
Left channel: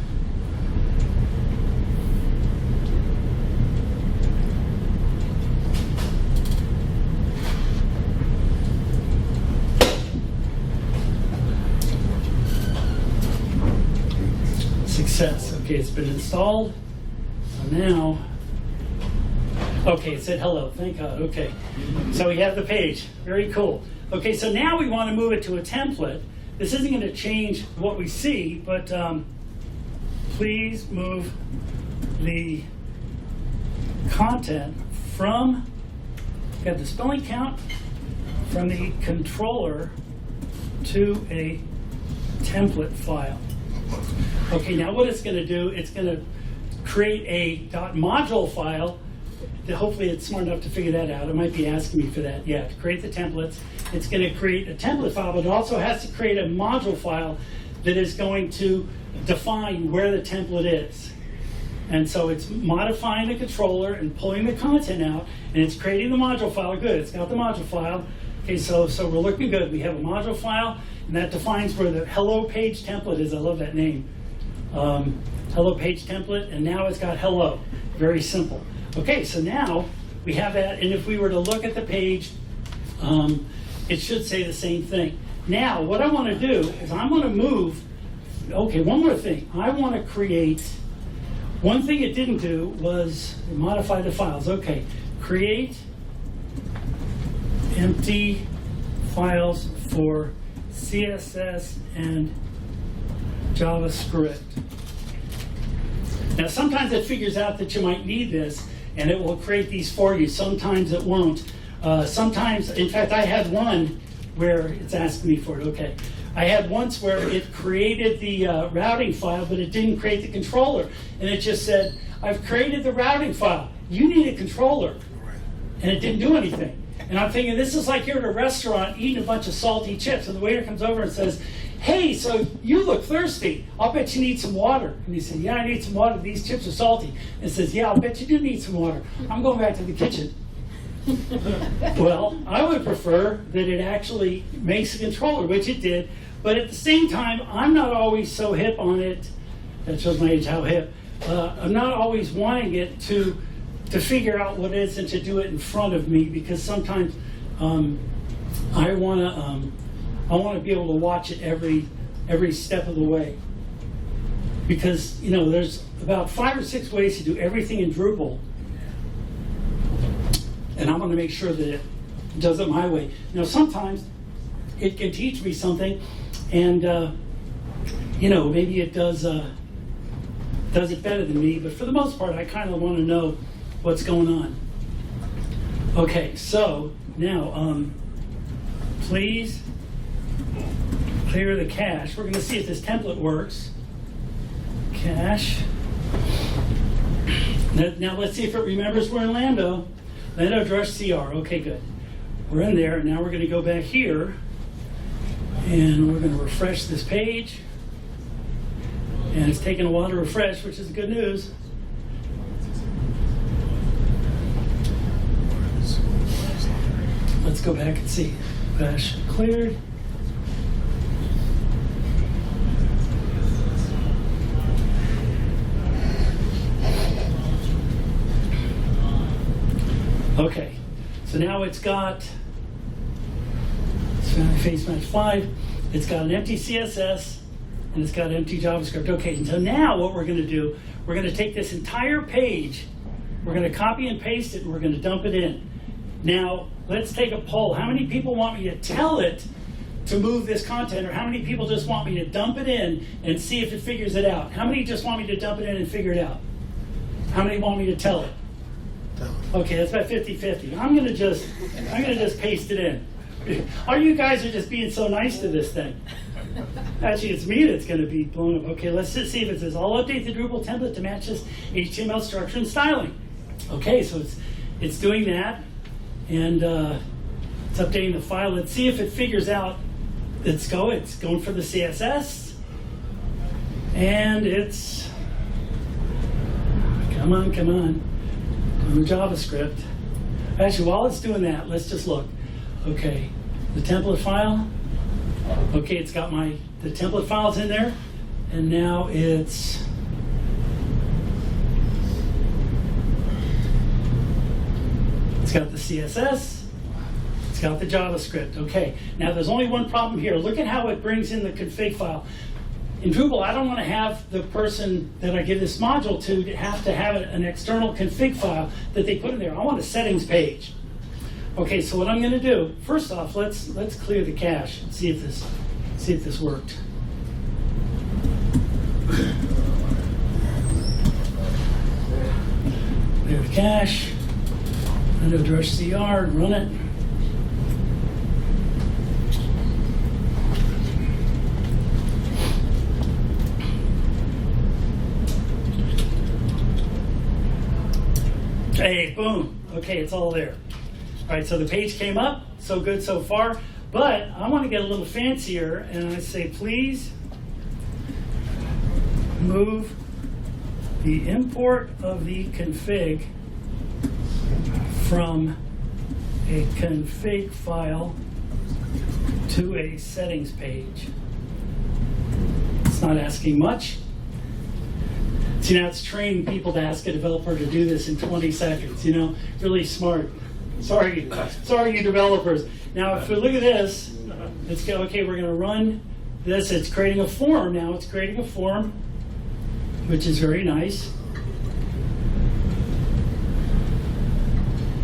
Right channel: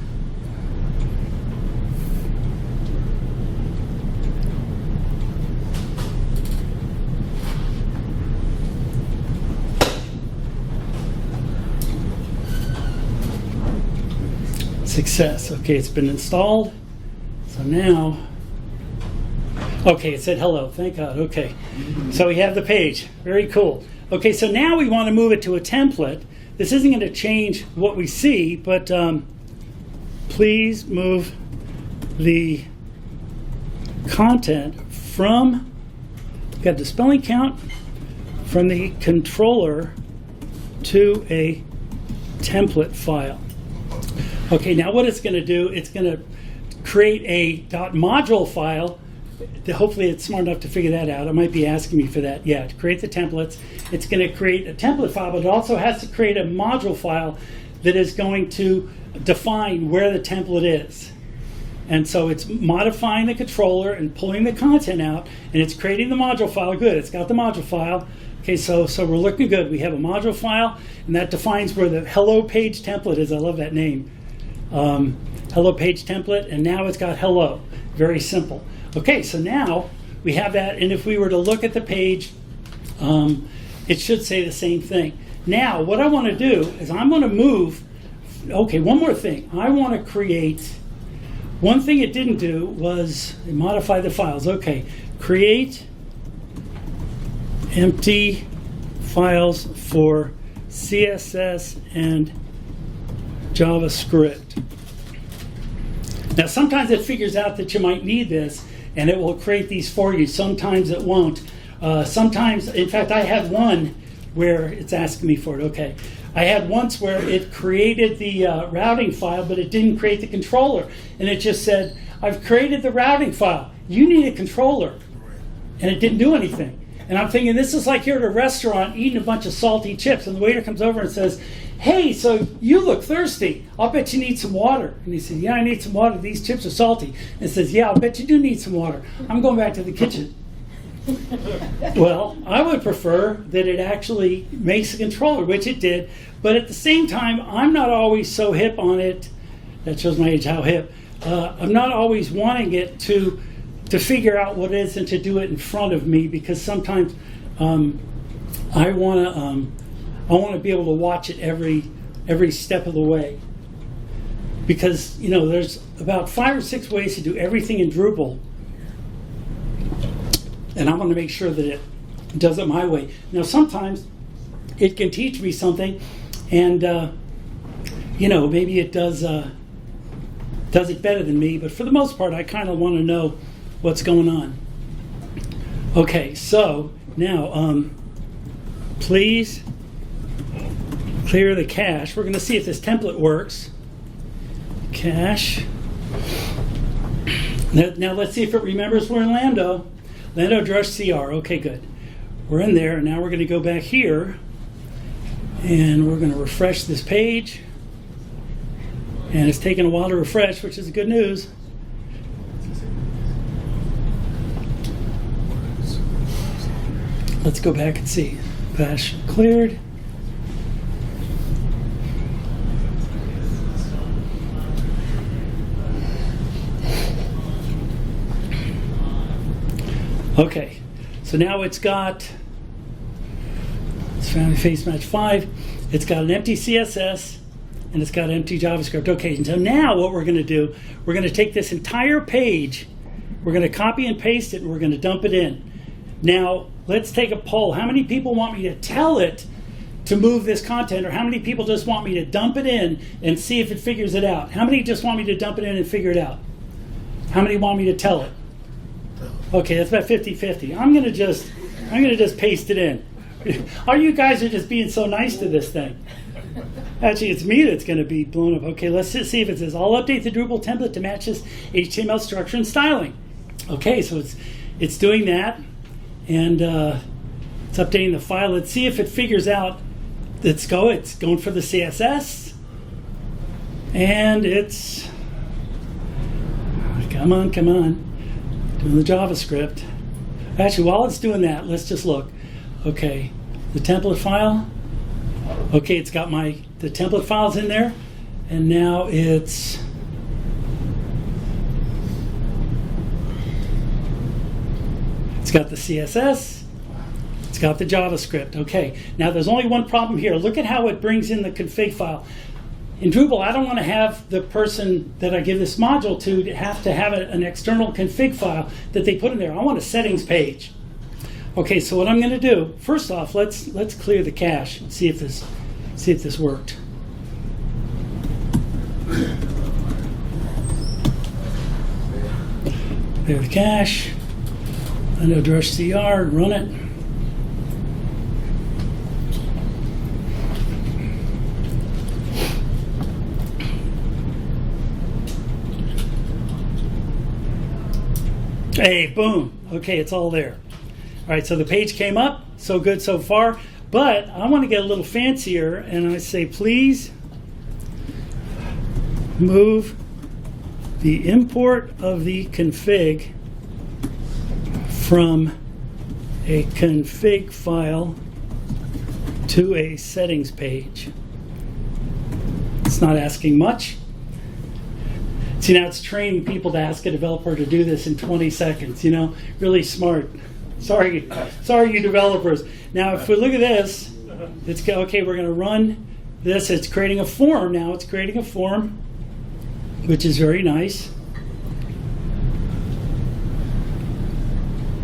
Success. Okay, it's been installed. So now, okay, it said hello. Thank God. Okay, so we have the page. Very cool. Okay, so now we want to move it to a template. This isn't going to change what we see, but please move the content from, got the spelling count, from the controller to a template file. Okay, now what it's going to do, it's going to create a .module file. Hopefully it's smart enough to figure that out. It might be asking me for that. Yeah, to create the templates. It's going to create a template file, but it also has to create a module file that is going to define where the template is. And so it's modifying the controller and pulling the content out, and it's creating the module file. Good, it's got the module file. Okay, so we're looking good. We have a module file, and that defines where the hello page template is. I love that name. Hello page template, and now it's got hello. Very simple. Okay, so now we have that, and if we were to look at the page, it should say the same thing. Now, what I want to do is I'm going to move, okay, one more thing. I want to create, one thing it didn't do was modify the files. Okay, create empty files for CSS and JavaScript. Now, sometimes it figures out that you might need this, and it will create these for you. Sometimes it won't. Sometimes, in fact, I had one where it's asking me for it. Okay. I had once where it created the routing file, but it didn't create the controller. And it just said, I've created the routing file. You need a controller. And it didn't do anything. And I'm thinking, this is like you're at a restaurant eating a bunch of salty chips, and the waiter comes over and says, hey, so you look thirsty. I'll bet you need some water. And he said, yeah, I need some water. These chips are salty. And says, yeah, I'll bet you do need some water. I'm going back to the kitchen. Well, I would prefer that it actually makes a controller, which it did. But at the same time, I'm not always so hip on it. That shows my age, how hip. I'm not always wanting it to figure out what it is and to do it in front of me, because sometimes I want to be able to watch it every step of the way. Because, you know, there's about 5 or 6 ways to do everything in Drupal, and I want to make sure that it does it my way. Now, sometimes it can teach me something, and you know, maybe it does it better than me. But for the most part, I kind of want to know what's going on. Okay, so now please clear the cache. We're going to see if this template works. Cache. Now let's see if it remembers we're in Lambda. Lambda drush CR. Okay, good. We're in there. Now we're going to go back here, and we're going to refresh this page. And it's taking a while to refresh, which is good news. Let's go back and see. Cache cleared. Okay, so now it's got, it's found face match 5. It's got an empty CSS, and it's got empty JavaScript. Okay, and so now what we're going to do, we're going to take this entire page, we're going to copy and paste it, and we're going to dump it in. Now, let's take a poll. How many people want me to tell it to move this content, or how many people just want me to dump it in and see if it figures it out? How many just want me to dump it in and figure it out? How many want me to tell it? Okay, that's about 50-50. I'm gonna just paste it in. All you guys are just being so nice to this thing. Actually, it's me that's going to be blown up. Okay, let's just see if it says, I'll update the Drupal template to match this HTML structure and styling. Okay, so it's doing that, and it's updating the file. Let's see if it figures out. It's going for the CSS, and it's, come on, doing the JavaScript. Actually, while it's doing that, let's just look. Okay, the template file. Okay, it's got my the template files in there, and now it's got the CSS, it's got the JavaScript. Okay, now there's only one problem here. Look at how it brings in the config file. In Drupal, I don't want to have the person that I give this module to have an external config file that they put in there. I want a settings page. Okay, so what I'm going to do, first off, let's clear the cache and see if this worked. Clear the cache. I'm going to address CR and run it. Hey, boom. Okay, it's all there. All right, so the page came up. So good so far. But I want to get a little fancier, and I say, please move the import of the config from a config file to a settings page. It's not asking much. See, now it's training people to ask a developer to do this in 20 seconds, you know, really smart. Sorry, you developers. Now, if we look at this, it's okay, we're going to run this. It's creating a form now. It's creating a form, which is very nice.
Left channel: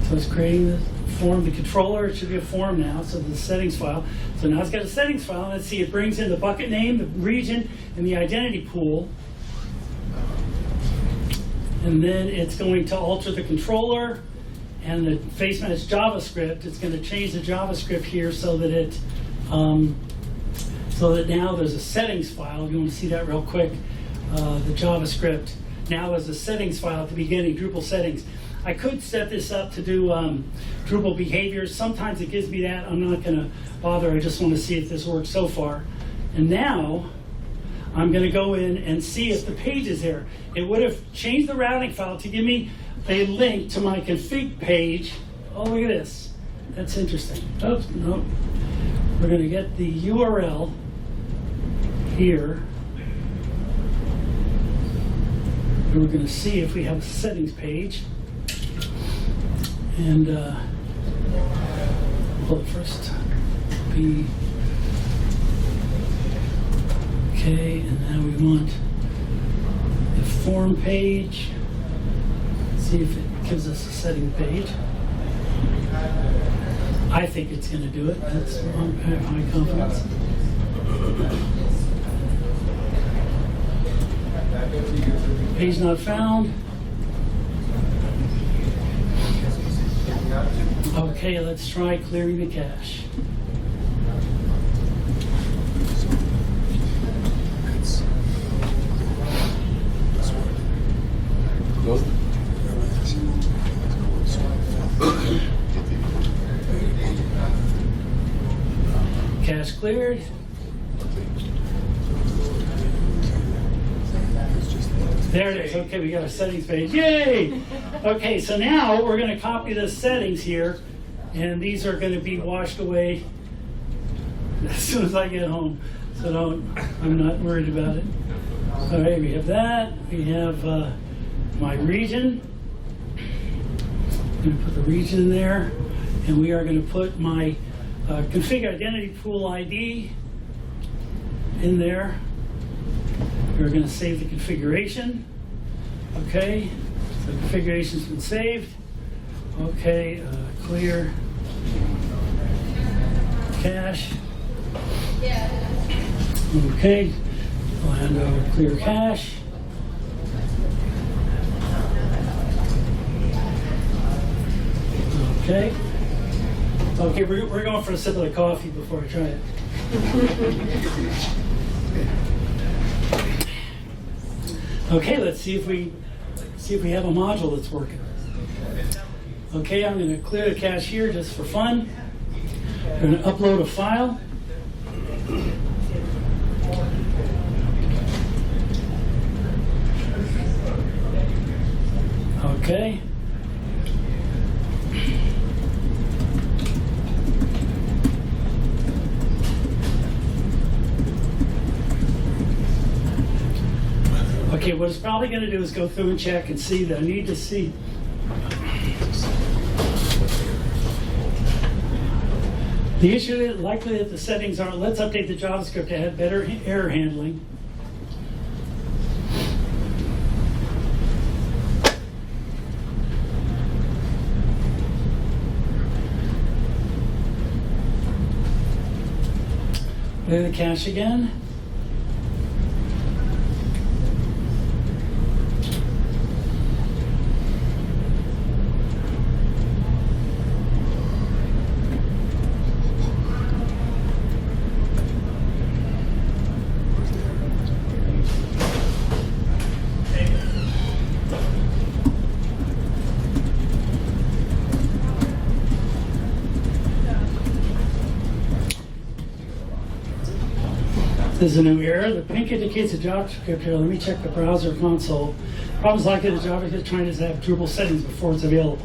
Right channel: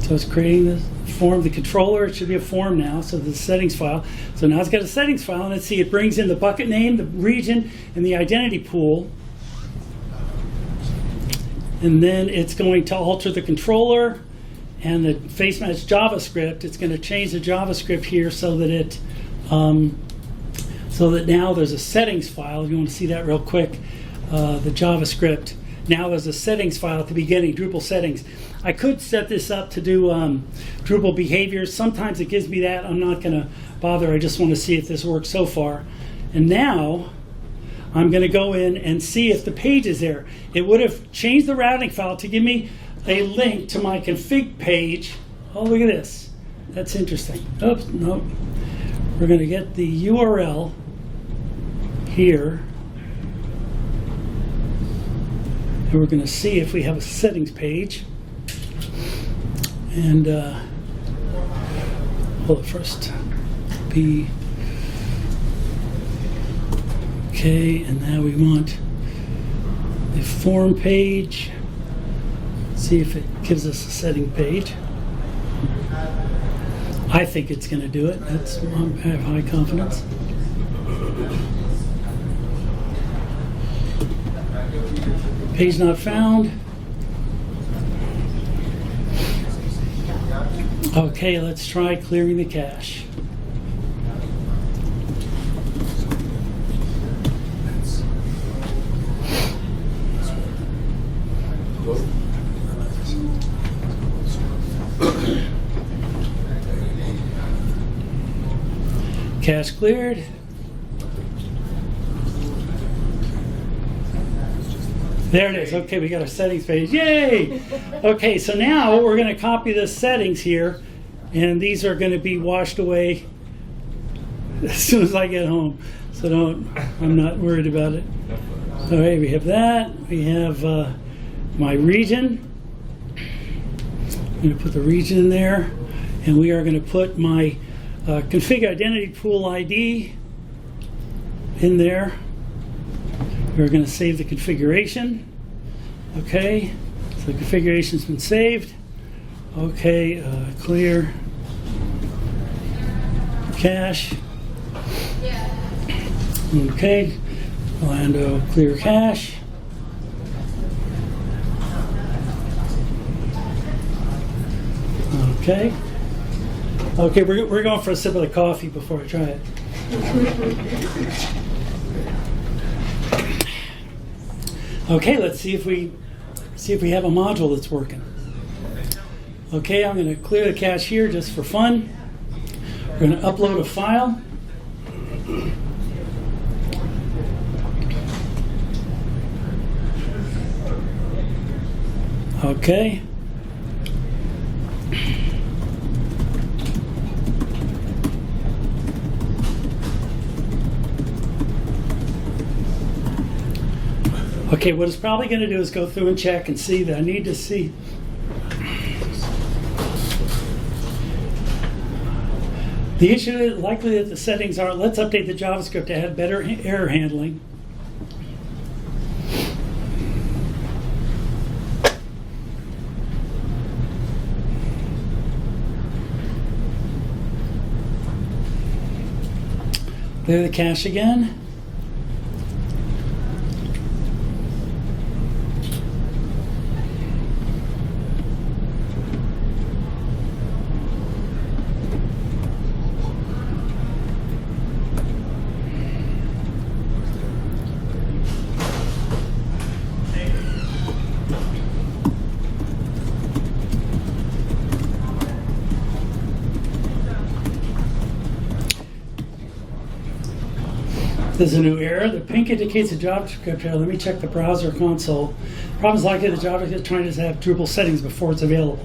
So it's creating the form, the controller. It should be a form now, so the settings file. So now it's got a settings file, and let's see, it brings in the bucket name, the region, and the identity pool. And then it's going to alter the controller and the face match JavaScript. It's going to change the JavaScript here so that now there's a settings file. You want to see that real quick? The JavaScript now there's a settings file at the beginning, Drupal settings. I could set this up to do Drupal behaviors. Sometimes it gives me that. I'm not going to bother. I just want to see if this works so far. And now I'm going to go in and see if the page is there. It would have changed the routing file to give me a link to my config page. Oh, look at this. That's interesting. Oops, nope. We're going to get the URL here. And we're going to see if we have a settings page. And hold it first. P. Okay, and now we want a form page. See if it gives us a setting page. I think it's going to do it. I have high confidence. Page not found. Okay, let's try clearing the cache. Cache cleared. There it is. Okay, we got our settings page. Yay! Okay, so now we're going to copy the settings here, and these are going to be washed away as soon as I get home. So I'm not worried about it. All right, we have that. We have my region. I'm going to put the region in there, and we are going to put my config identity pool ID in there. We're going to save the configuration. Okay, so the configuration's been saved. Okay, clear cache. Okay, Lambda clear cache. Okay. Okay, we're going for a sip of the coffee before I try it. Okay, let's see if we have a module that's working. Okay, I'm going to clear the cache here just for fun. We're going to upload a file. Okay. Okay, what it's probably going to do is go through and check and see that I need to see. The issue is likely that the settings aren't. Let's update the JavaScript to add better error handling. Clear the cache again. There's a new error. The pink indicates a JavaScript error. Let me check the browser console. Problem is likely the JavaScript is trying to have Drupal settings before it's available.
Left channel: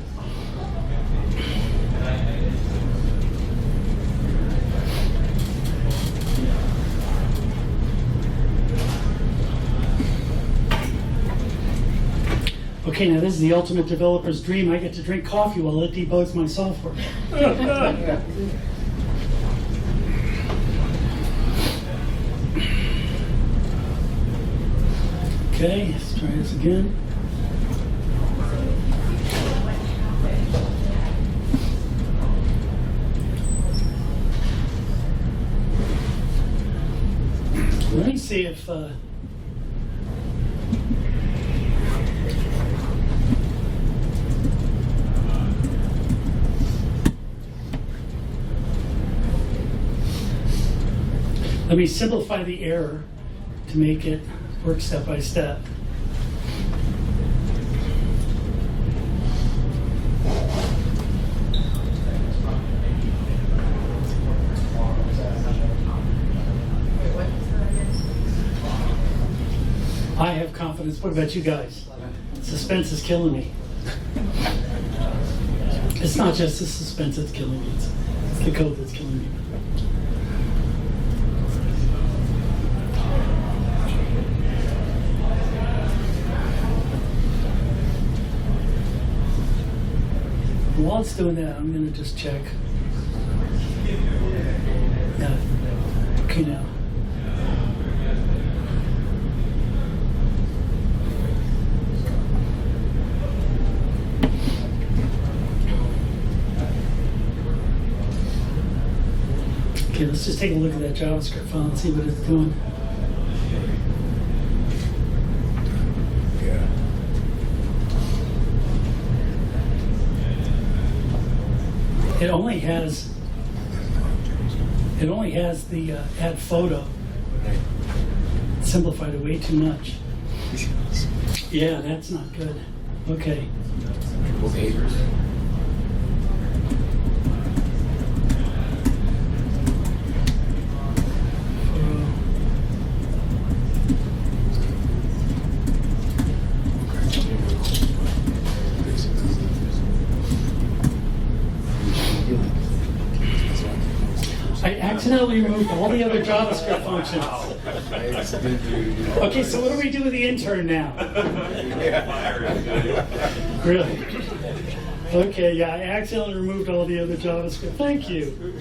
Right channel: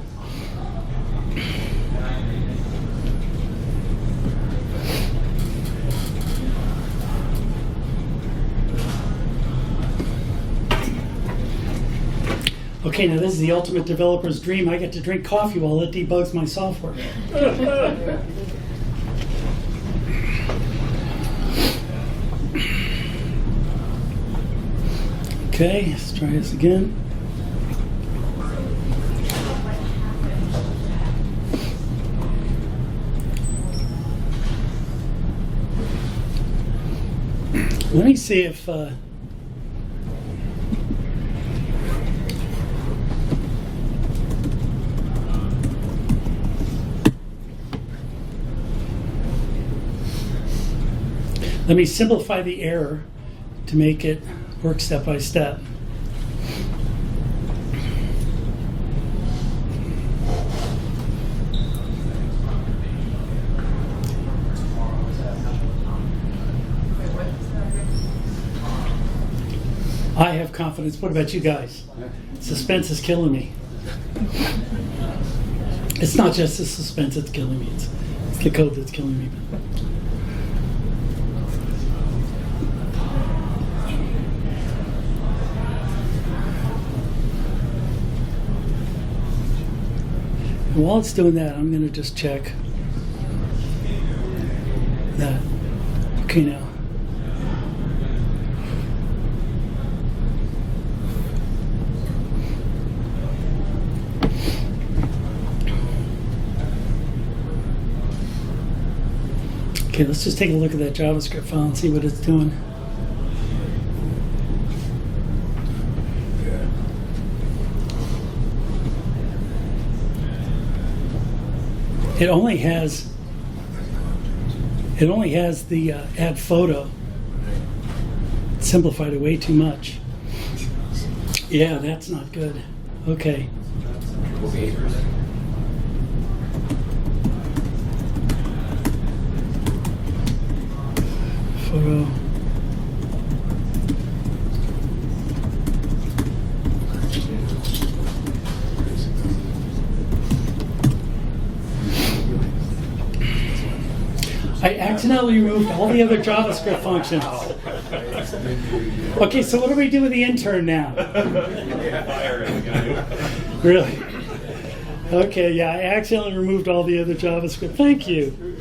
Okay, now this is the ultimate developer's dream. I get to drink coffee while it debugs my software. Okay, let's try this again. Let me see if let me simplify the error to make it work step by step. I have confidence. What about you guys? Suspense is killing me. It's not just the suspense that's killing me. It's the code that's killing me. While it's doing that, I'm going to just check that. Okay, now. Okay, let's just take a look at that JavaScript file and see what it's doing. It only has the add photo. Simplified it way too much. Yeah, that's not good. Okay. Photo. I accidentally removed all the other JavaScript functions. Okay, so what do we do with the intern now? Really? Okay, yeah, I accidentally removed all the other JavaScript. Thank you.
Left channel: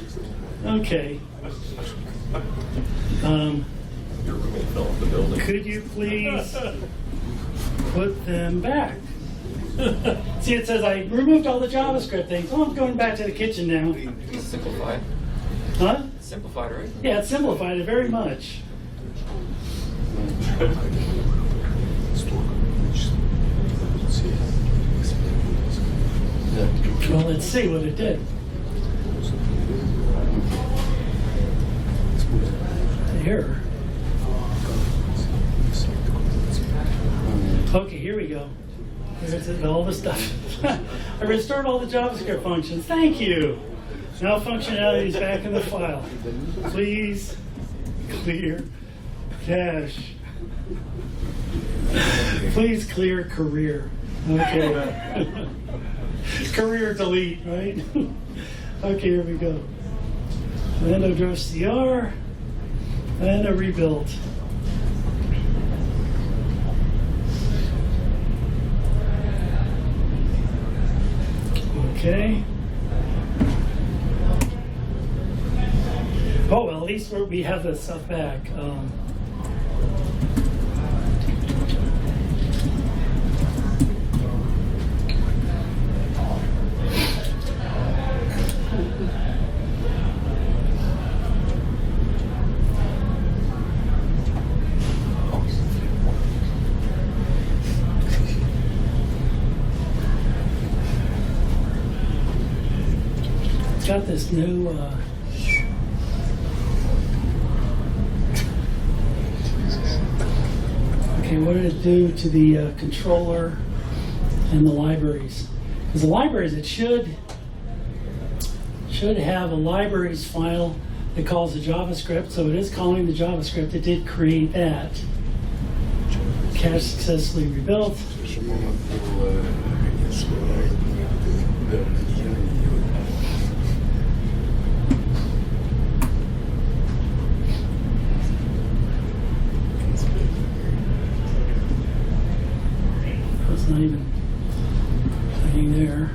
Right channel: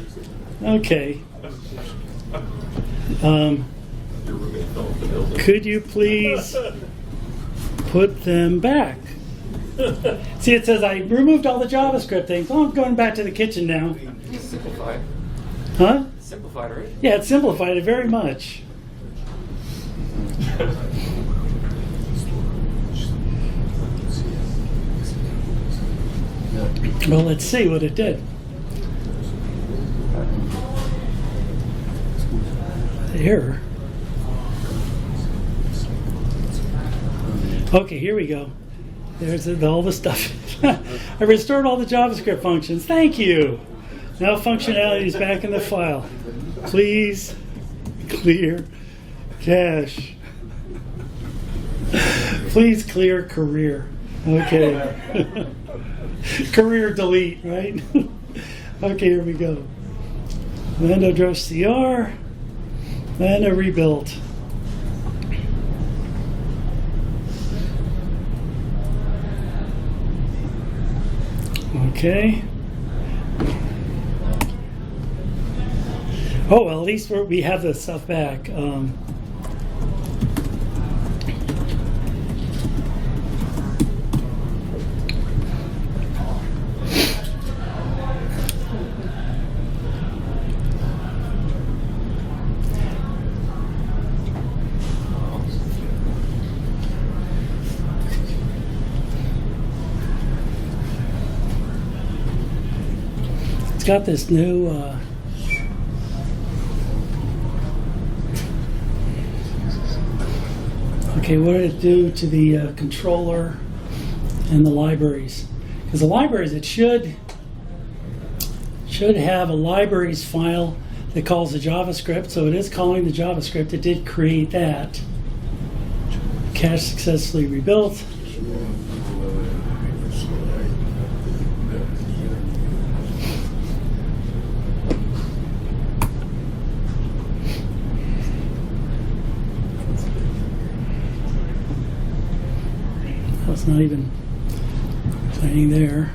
Okay. Could you please put them back? See, it says I removed all the JavaScript things. Oh, I'm going back to the kitchen now. Simplified. Huh? Simplified, right? Yeah, it simplified it very much. Well, let's see what it did. Error. Okay, here we go. There's all the stuff. I restored all the JavaScript functions. Thank you. Now functionality is back in the file. Please clear cache. Please clear career. Okay. Career delete, right? Okay, here we go. Lambda address CR. Lambda rebuilt. Okay. Oh, well, at least we have the stuff back. It's got this new okay, what did it do to the controller and the libraries? Because the libraries, it should have a libraries file that calls the JavaScript, so it is calling the JavaScript. It did create that. Cache successfully rebuilt. That's not even playing there.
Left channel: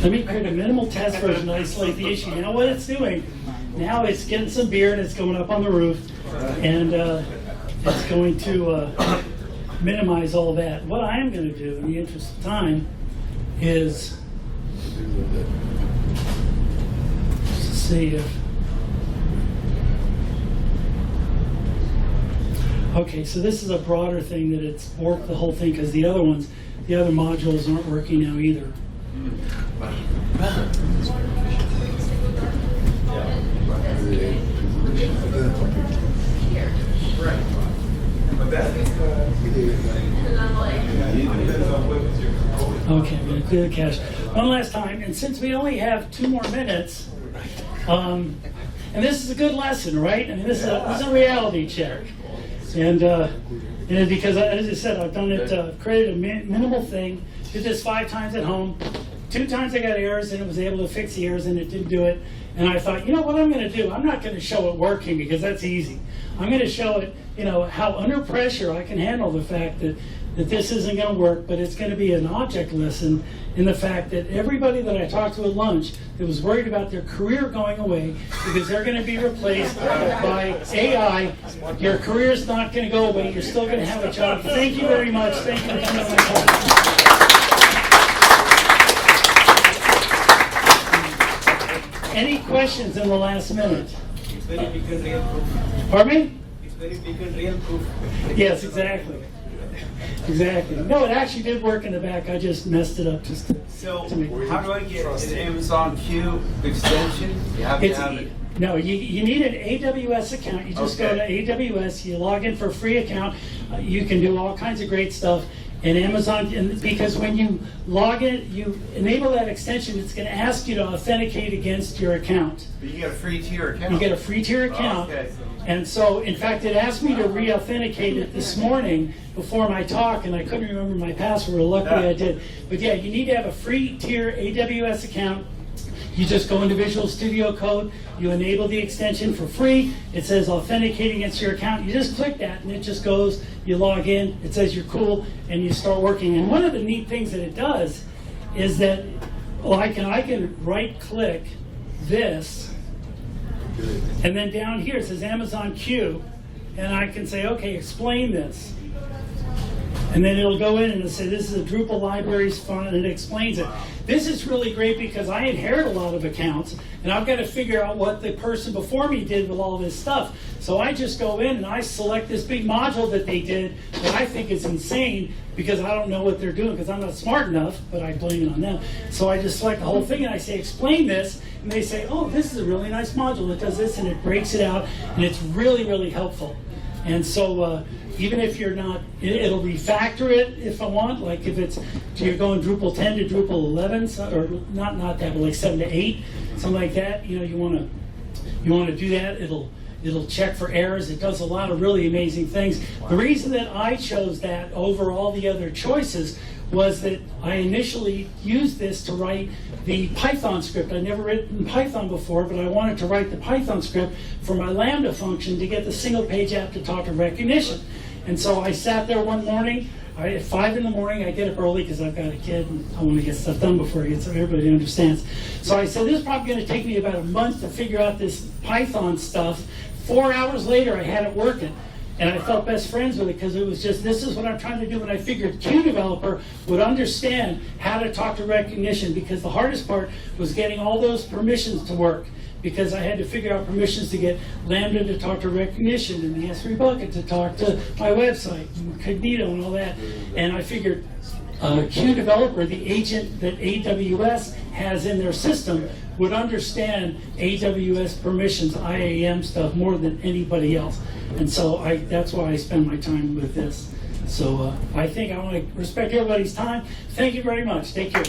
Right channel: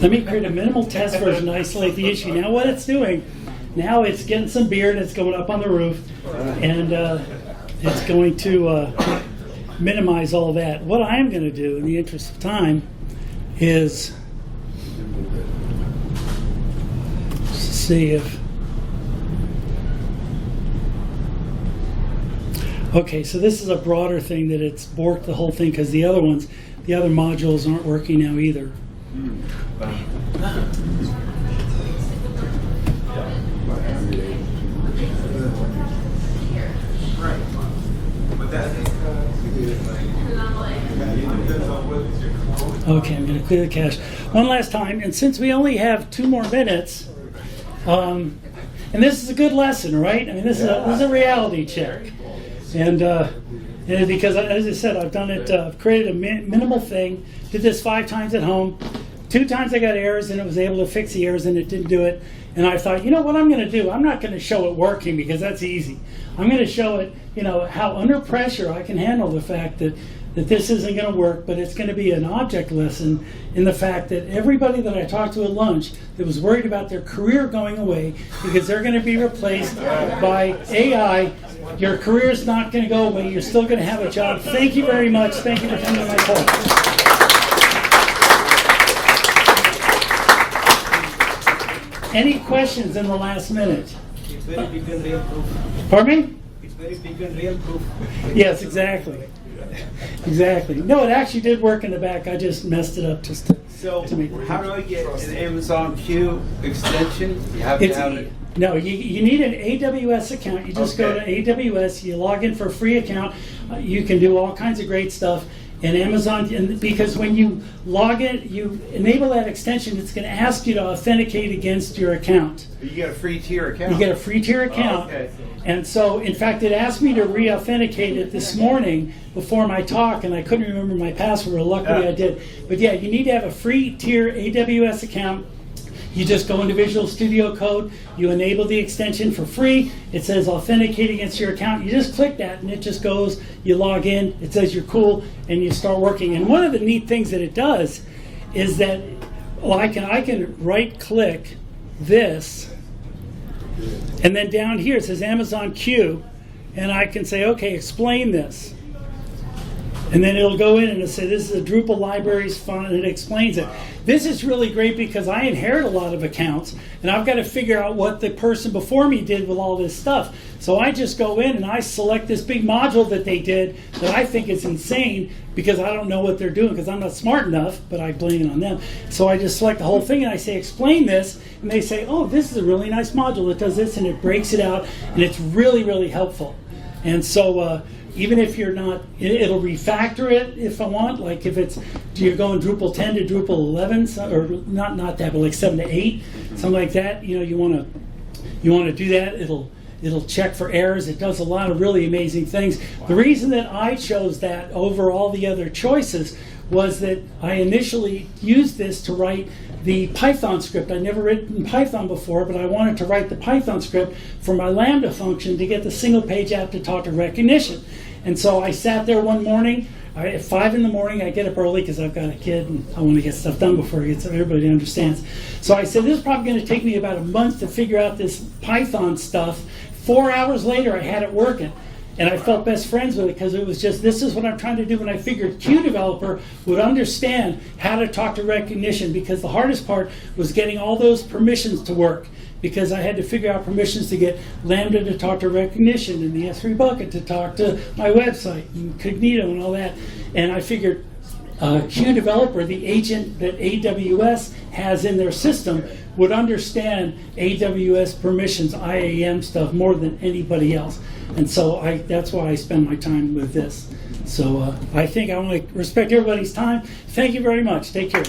Let me create a minimal test version to isolate the issue. Now what it's doing, now it's getting some beer and it's going up on the roof, and it's going to minimize all that. What I'm going to do, in the interest of time, is see if... Okay, so this is a broader thing that it's borked the whole thing, because the other modules aren't working now either. Okay, I'm going to clear the cache one last time, and since we only have 2 more minutes, and this is a good lesson, right? I mean, this is a reality check, and because, as I said, I've done it. I've created a minimal thing. Did this 5 times at home. 2 times I got errors, and it was able to fix the errors, and it didn't do it. And I thought, you know what I'm going to do? I'm not going to show it working, because that's easy. I'm going to show it, how under pressure I can handle the fact that this isn't going to work, but it's going to be an object lesson in the fact that everybody that I talked to at lunch that was worried about their career going away because they're going to be replaced by AI, your career's not going to go away. You're still going to have a job. Thank you very much. Thank you for coming to my talk. Any questions in the last minute? It's very big and real proof. Pardon me? It's very big and real proof. Yes, exactly. Exactly. No, it actually did work in the back. I just messed it up just to make it. How do I get an Amazon Q extension? You have to have it. No, you need an AWS account. You just go to AWS, you log in for a free account. You can do all kinds of great stuff. And Amazon, because when you log in, you enable that extension, it's going to ask you to authenticate against your account. You get a free tier account. You get a free tier account. Okay. And so, in fact, it asked me to re-authenticate it this morning before my talk, and I couldn't remember my password. Luckily, I did. But yeah, you need to have a free tier AWS account. You just go into Visual Studio Code, you enable the extension for free, it says authenticate against your account, you just click that and it just goes, you log in, it says you're cool, and you start working. And one of the neat things that it does is that I can right click this, and then down here it says Amazon Q, and I can say, okay, explain this. And then it'll go in and it'll say, this is a Drupal libraries font, and it explains it. This is really great because I inherit a lot of accounts, and I've got to figure out what the person before me did with all this stuff. So I just go in and I select this big module that they did that I think is insane because I don't know what they're doing because I'm not smart enough, but I blame it on them. So I just select the whole thing and I say, explain this, and they say, oh, this is a really nice module. It does this, and it breaks it out, and it's really, really helpful. And so even if you're not, it'll refactor it if I want. Like if it's, you're going Drupal 10 to Drupal 11, or not that, but like 7 to 8, something like that. You want to do that. It'll check for errors. It does a lot of really amazing things. The reason that I chose that over all the other choices was that I initially used this to write the Python script. I'd never written Python before, but I wanted to write the Python script for my Lambda function to get the single page app to talk to Rekognition. And so I sat there one morning, at 5 in the morning. I get up early because I've got a kid and I want to get stuff done before it gets, so everybody understands. So I said, this is probably going to take me about a month to figure out this Python stuff. 4 hours later, I had it working. And I felt best friends with it because it was just, this is what I'm trying to do. And I figured Q developer would understand how to talk to Rekognition, because the hardest part was getting all those permissions to work, because I had to figure out permissions to get Lambda to talk to Rekognition and the S3 bucket to talk to my website and Cognito and all that. And I figured Q developer, the agent that AWS has in their system, would understand AWS permissions, IAM stuff more than anybody else. And so that's why I spend my time with this. So I think I want to respect everybody's time. Thank you very much. Take care.